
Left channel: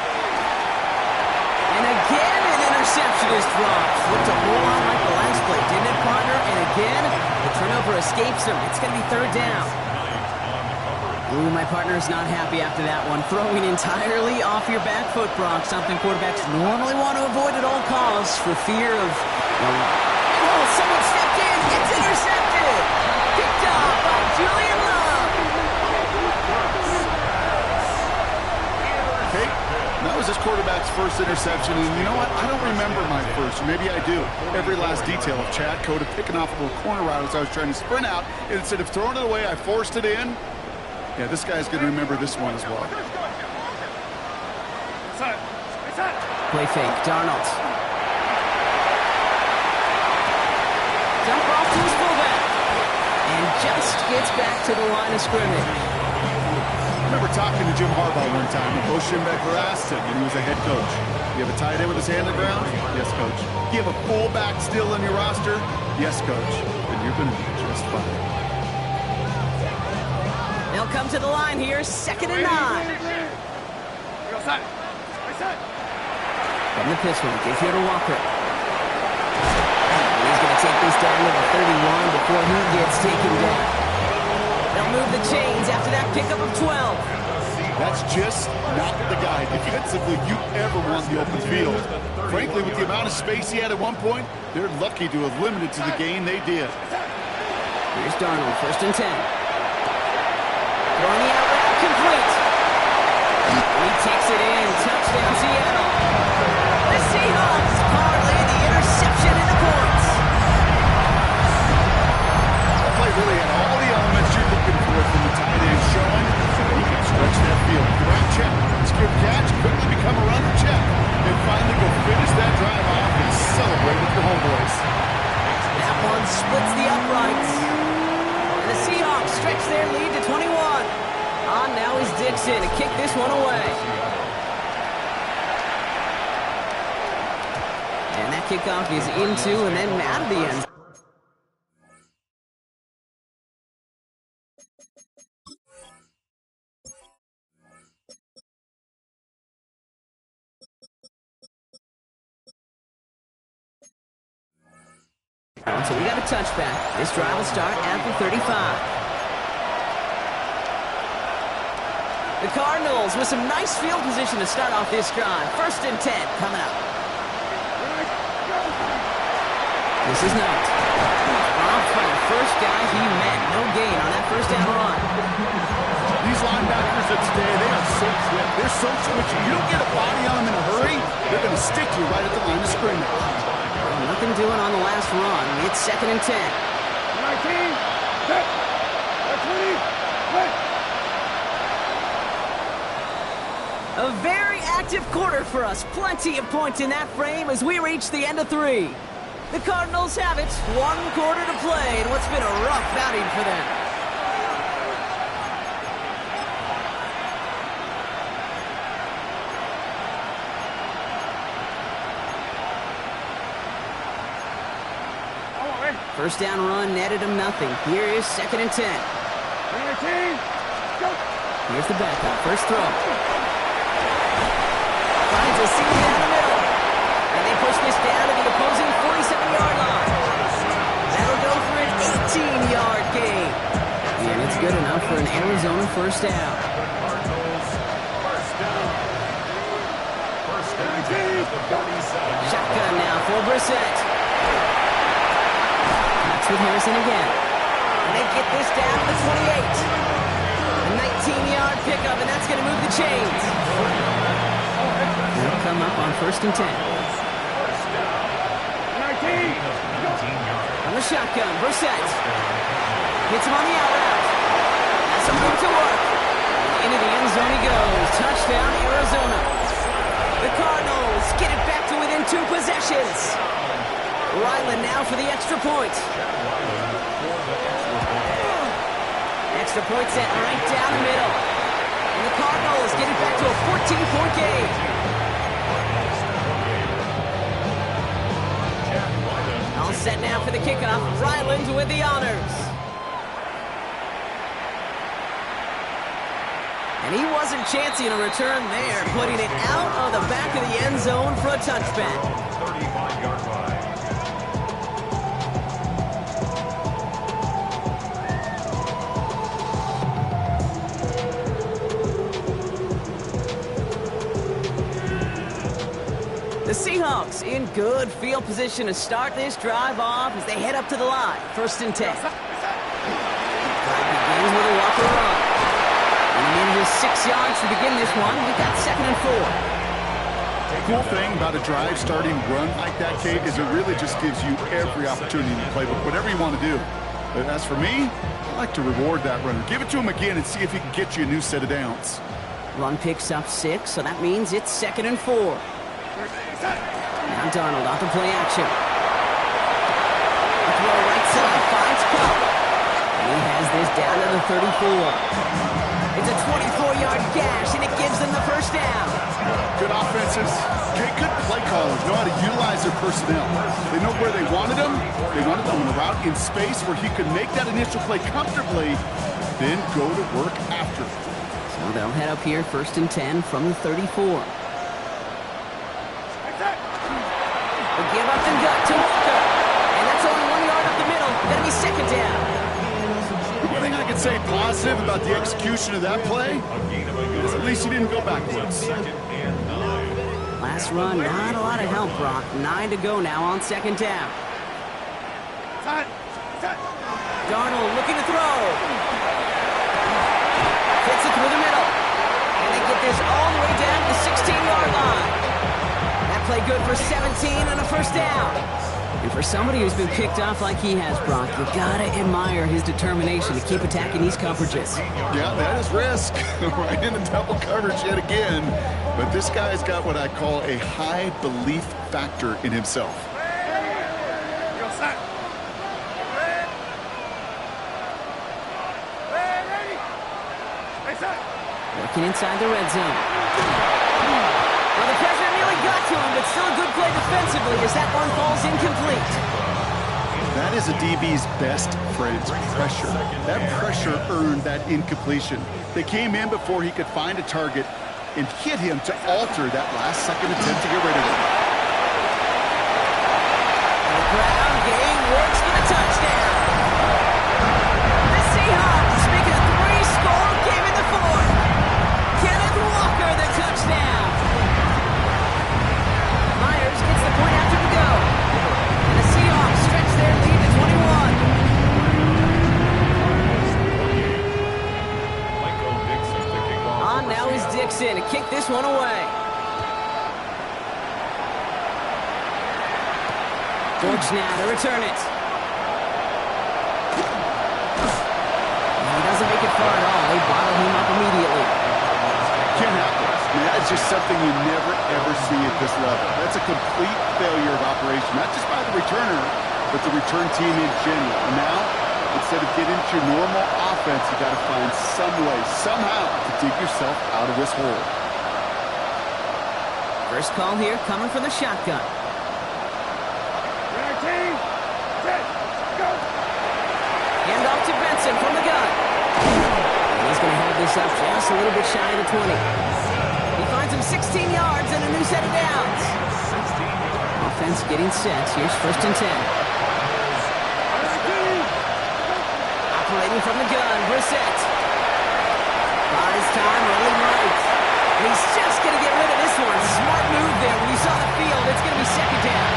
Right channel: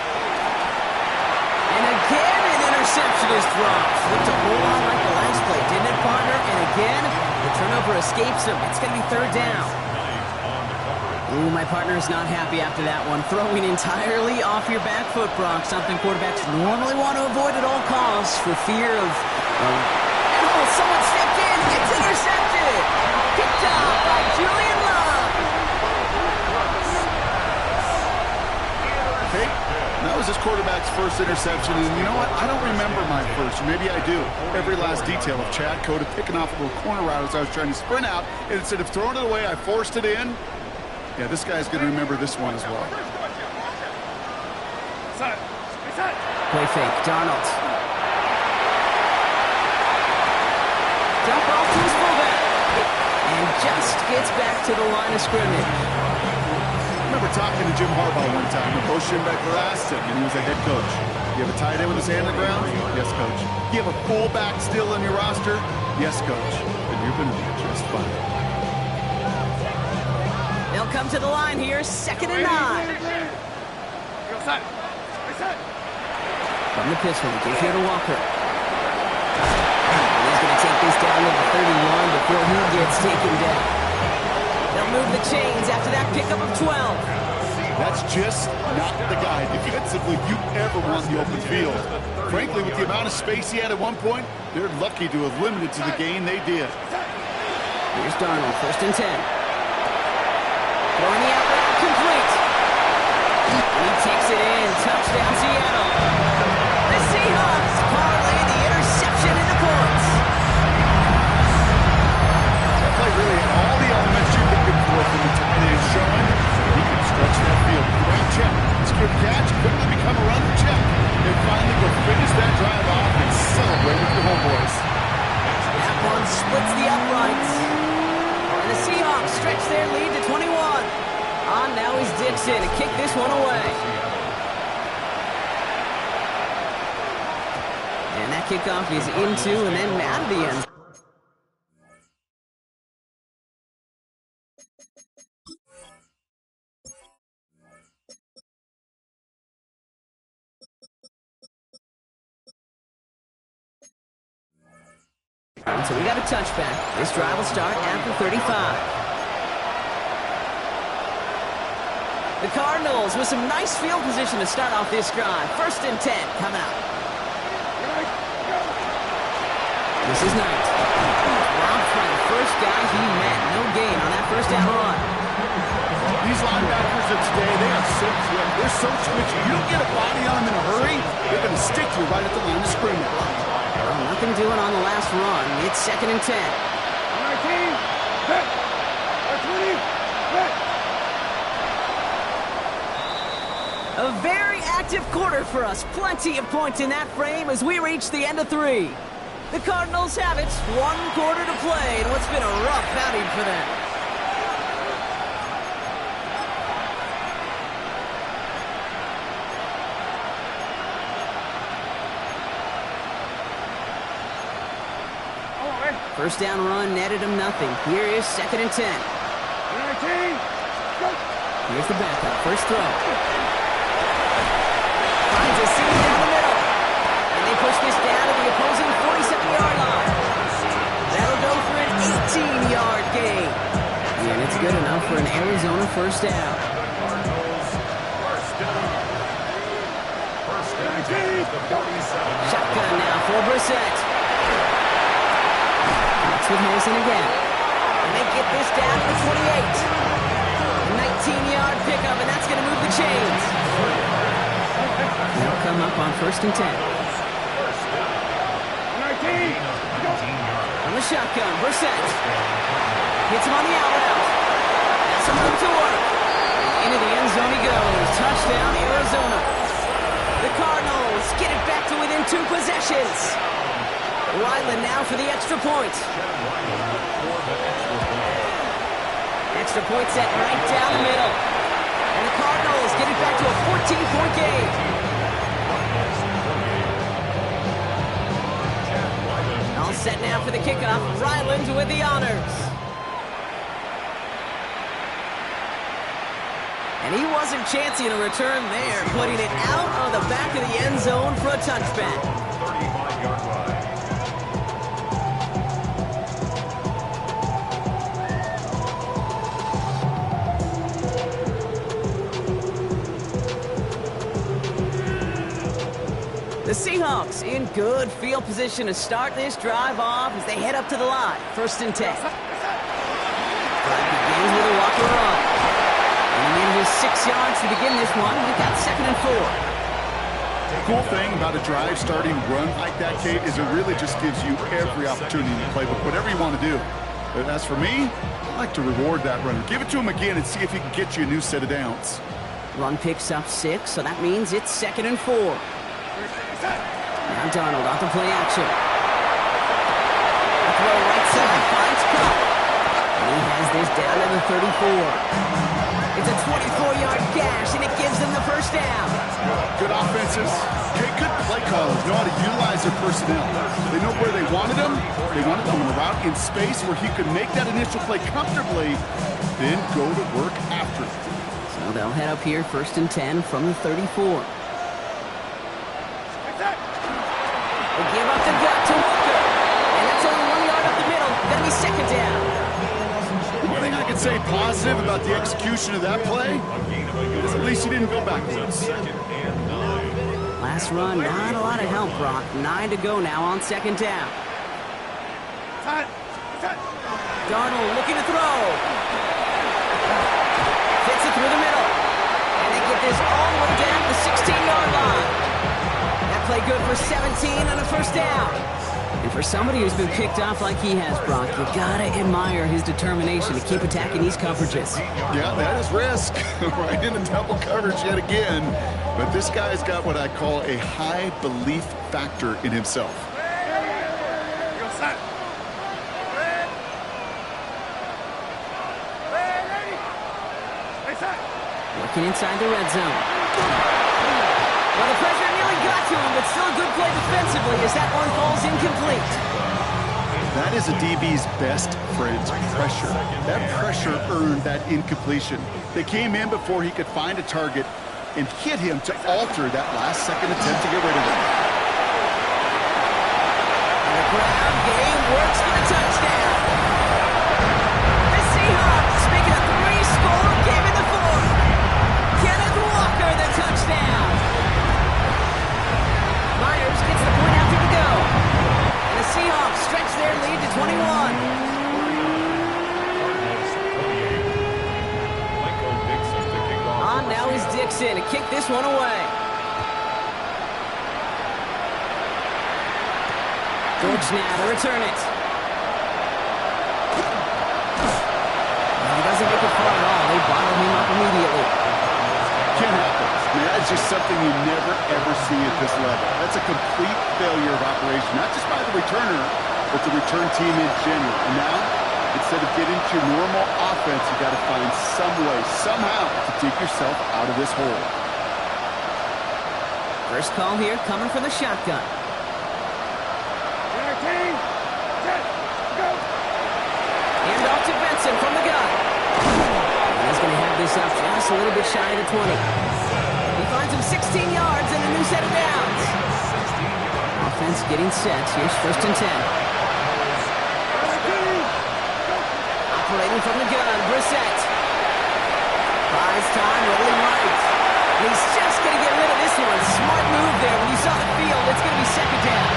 And again, an interception is dropped. Looked a whole lot like the last play, didn't it, partner? And again, the turnover escapes him. It's going to be 3rd down. Ooh, my partner is not happy after that one. Throwing entirely off your back foot, Brock. Something quarterbacks normally want to avoid at all costs for fear of... oh, someone stepped in. It's intercepted. Picked off by Julian Love. Okay, that was his quarterback's first interception, and you know what? I don't remember my first, or maybe I do. Every last detail of Chad Cota picking off a little corner route as I was trying to sprint out, and instead of throwing it away, I forced it in. Yeah, this guy's going to remember this one as well. Play fake, Darnold. Dump off to his fullback. And just gets back to the line of scrimmage. I remember talking to Jim Harbaugh one time, and Bo Schembechler asked him, and he was a head coach, you have a tight end with his hand on the ground? Yes, coach. You have a fullback still on your roster? Yes, coach. Then you're going to be just fine. They'll come to the line here, 2nd and 9. From the pistol, give here to Walker. And he's going to take this down to the 31 before he gets taken down. They'll move the chains after that pickup of 12. That's just not the guy defensively you ever want in the open field. Frankly, with the amount of space he had at one point, they're lucky to have limited to the gain they did. Here's Darnold, 1st and 10. Throwing the out route complete. And he takes it in. Touchdown, Seattle. The Seahawks parlay the interception into points. That play really had all the elements you're looking for from the tight end showing. He can stretch that field. Great check. Secure the catch. Quickly become a runner check. And finally go finish that drive off and celebrate with your homeboys. That one splits the uprights. And the Seahawks stretch their lead to 21. On now is Dixon to kick this one away. And that kickoff is into and then out of the end. So we got a touchback. This drive will start at the 35. The Cardinals with some nice field position to start off this drive. 1st and 10 coming up. This is Knight. Robbed by the first guy he met. No gain on that 1st down run. These linebackers of today, they are so quick. They're so twitchy. You don't get a body on them in a hurry, they're going to stick to you right at the line of scrimmage. Well, nothing doing on the last run. It's 2nd and 10. 19, set, 20, set. A very active quarter for us. Plenty of points in that frame as we reach the end of 3. The Cardinals have it. 1 quarter to play in what's been a rough outing for them. First down run netted him nothing. Here is 2nd and 10. 19, go. Here's the backup. First throw. Finds a seam down the middle. And they push this down to the opposing 47-yard line. That'll go for an 18-yard gain. And it's good enough for an Arizona first down. Shotgun now for Brissett. With Harrison again. And they get this down to the 28. A 19-yard pickup, and that's going to move the chains. They'll come up on 1st and 10. 19, On the shotgun, Brissett. Hits him on the out route. Has some room to work. And into the end zone he goes. Touchdown, Arizona. The Cardinals get it back to within 2 possessions. Ryland now for the extra point. Extra point set right down the middle. And the Cardinals get it back to a 14-point game. I'll Set now for the kickoff. Ryland with the honors. And he wasn't chancing a return there, putting it out on the back of the end zone for a touchback. 35-yard line. The Seahawks in good field position to start this drive off as they head up to the line. 1st and 10. Drive begins with a Walker run. And he manages 6 yards to begin this one. We've got 2nd and 4. The cool thing about a drive starting run like that, Kate, is it really just gives you every opportunity to play with whatever you want to do. But as for me, I like to reward that runner. Give it to him again and see if he can get you a new set of downs. Run picks up 6, so that means it's 2nd and 4. Now Darnold off the play action. A throw right side, finds Cup. And he has this down to the 34. It's a 24-yard gash, and it gives them the 1st down. Good offenses. Okay, good play callers know how to utilize their personnel. They know where they wanted him. They wanted him on a route in space where he could make that initial play comfortably, then go to work after. So they'll head up here, 1st and 10 from the 34. They give up the gut to Walker. And that's only 1 yard up the middle. Gonna be 2nd down. One thing I can say positive about the execution of that play is at least he didn't go backwards. Last run, not a lot of help, Brock. 9 to go now on 2nd down. Darnold looking to throw. Fits it through the middle. And they get this all the way down to the 16-yard line. That play good for 17 and a 1st down. And for somebody who's been picked off like he has, Brock, you gotta admire his determination to keep attacking these coverages. Yeah, that is risk. Right into double coverage yet again. But this guy's got what I call a high belief factor in himself. Working inside the red zone. Well, the pressure nearly got to him, but still a good play defensively as that one falls incomplete. That is a DB's best friend, pressure. That pressure earned that incompletion. They came in before he could find a target and hit him to alter that last-second attempt to get rid of him. And the ground game works for the touchdown. The Seahawks making a 3-score game in the 4th. Kenneth Walker, the touchdown. Myers gets the point after to go. And the Seahawks stretch their lead to 21. On now is Dixon to kick this one away. George now to return it. And he doesn't make it far at all. They bottle him up immediately. Can't happen. I mean, that's just something you never, ever see at this level. That's a complete failure of operation, not just by the returner, but the return team in general. And now, instead of getting into your normal offense, you got to find some way, somehow, to dig yourself out of this hole. First call here coming from the shotgun. Hand off to Benson from the gun. And he's going to have this up just a little bit shy of the 20. He finds him 16 yards and a new set of downs. Offense getting set. Here's 1st and 10. Operating from the gun, Brissett. Buys time, rolling right. And he's just going to get rid of this one. Smart move there. When you saw the field, it's going to be 2nd down.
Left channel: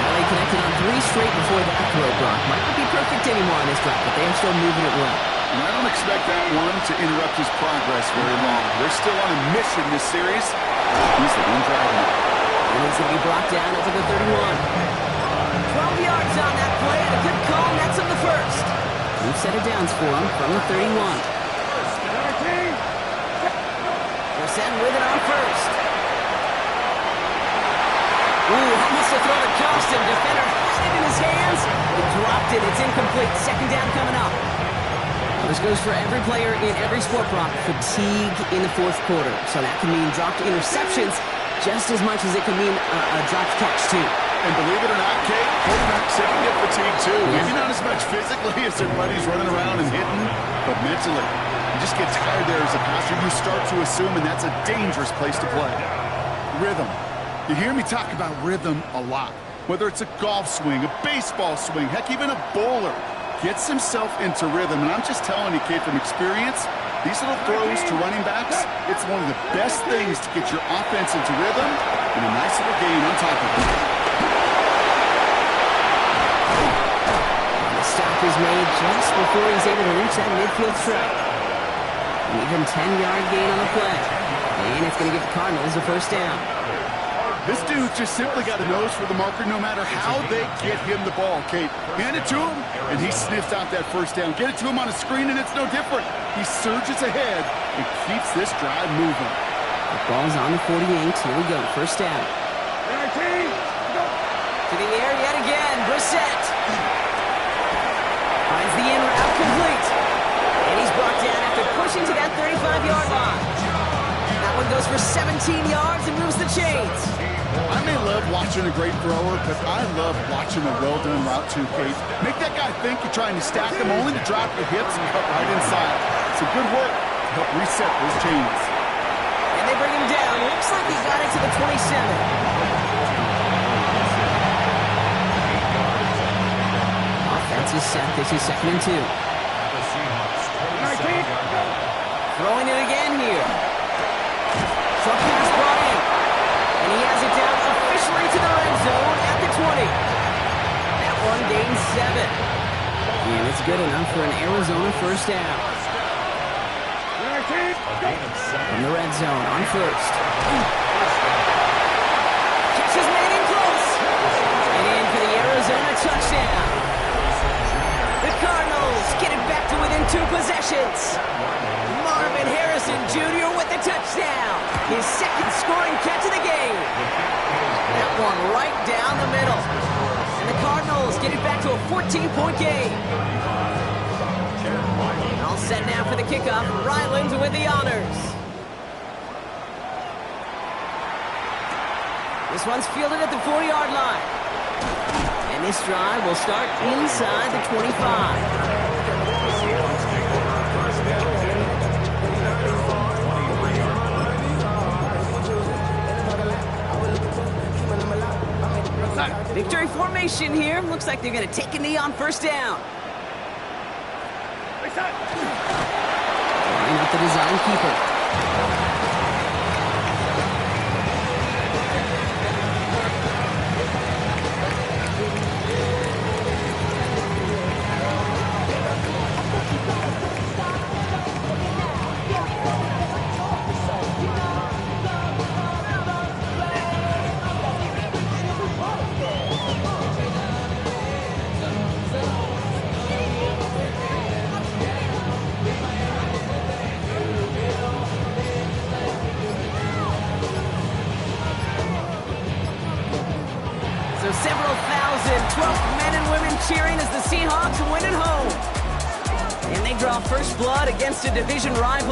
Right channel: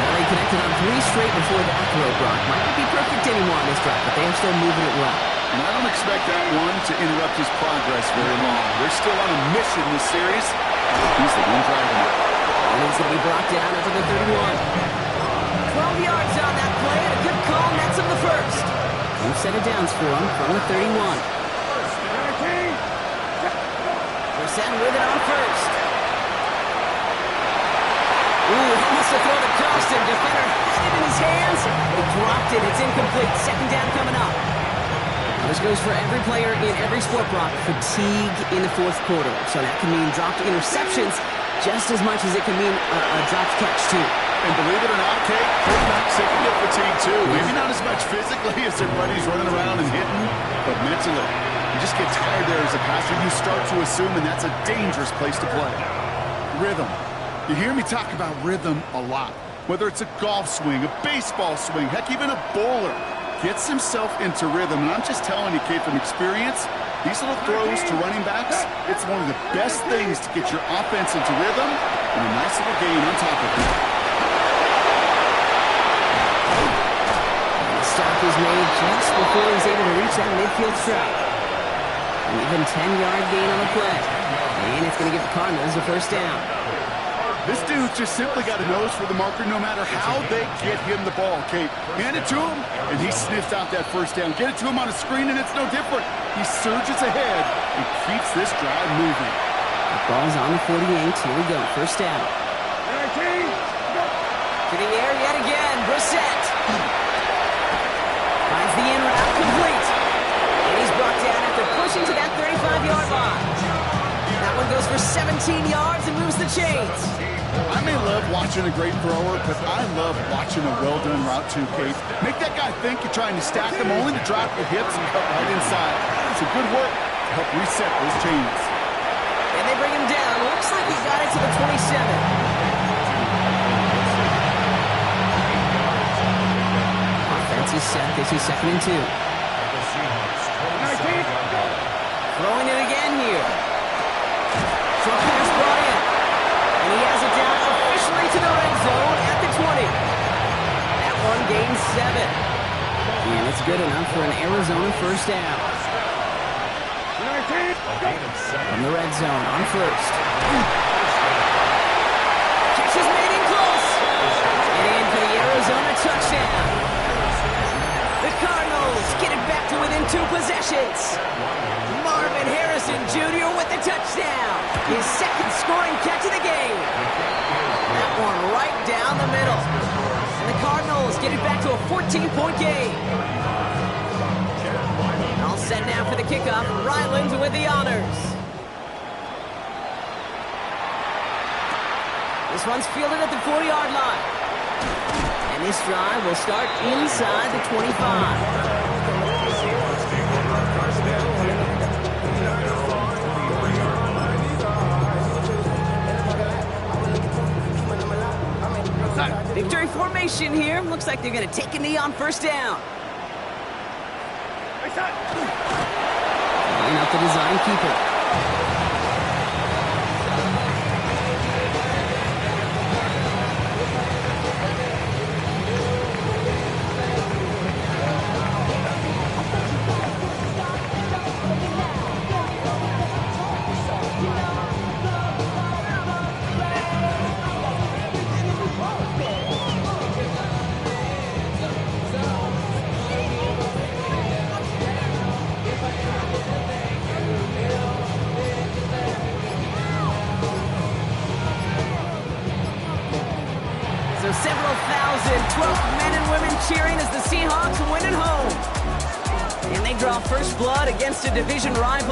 Well, they connected on 3 straight before that throw, Brock. Might not be perfect anymore on this drive, but they are still moving it well. And I don't expect that one to interrupt his progress very long. They're still on a mission this series. He's the one driving it. And it's going to be brought down up to the 31. 12 yards on that play, and a good call nets him the 1st. New set of downs for him from the 31. Brissett with it on 1st. Ooh, almost a throw that cost him. Defender had it in his hands. He dropped it. It's incomplete. 2nd down coming up. This goes for every player in every sport, Brock. Fatigue in the 4th quarter. So that can mean dropped interceptions just as much as it can mean a dropped catch, too. And believe it or not, Kate, quarterbacks, they can get fatigued too. Maybe not as much physically as their buddies running around and hitting, but mentally. You just get tired there as a passer. You start to assume, and that's a dangerous place to play. Rhythm. You hear me talk about rhythm a lot. Whether it's a golf swing, a baseball swing, heck, even a bowler gets himself into rhythm. And I'm just telling you, Kate, from experience, these little throws to running backs, it's one of the best things to get your offense into rhythm and a nice little gain on top of it. And the stop is made just before he's able to reach that midfield strike. An even 10-yard gain on the play. And it's going to give the Cardinals a first down. This dude just simply got a nose for the marker no matter how they get him the ball, Kate. Hand it to him, and he sniffs out that first down. Get it to him on a screen, and it's no different. He surges ahead and keeps this drive moving. The ball's on the 48. Here we go. First down. To the air yet again. Brissett. Finds the in route complete. And he's brought down after pushing to that 35-yard line. That one goes for 17 yards and moves the chains. I may love watching a great thrower, but I love watching a well-done route too, Kate. Make that guy think you're trying to stack him only to drop your hips and cut right inside. Some good work to help reset those chains. And they bring him down. Looks like he got it to the 27. Offense is set. This is 2nd and 2. Throwing it again here. Short pass brought in. And he has it down officially to the red zone at the 20. That one gains 7. And it's good enough for an Arizona first down. From the red zone on first. Catch is made in close. And in for the Arizona touchdown. The Cardinals get it back to within 2 possessions. Marvin Harrison Jr. with the touchdown. His second scoring catch of the game. That one right down the middle. And the Cardinals get it back to a 14-point game. All set now for the kickoff. Ryland with the honors. This one's fielded at the 40-yard line. And this drive will start inside the 25. Victory formation here. Looks like they're going to take a knee on first down. Line up the design keeper. So several thousand 12th men and women cheering as the Seahawks win at home. And they draw first blood against a division rival.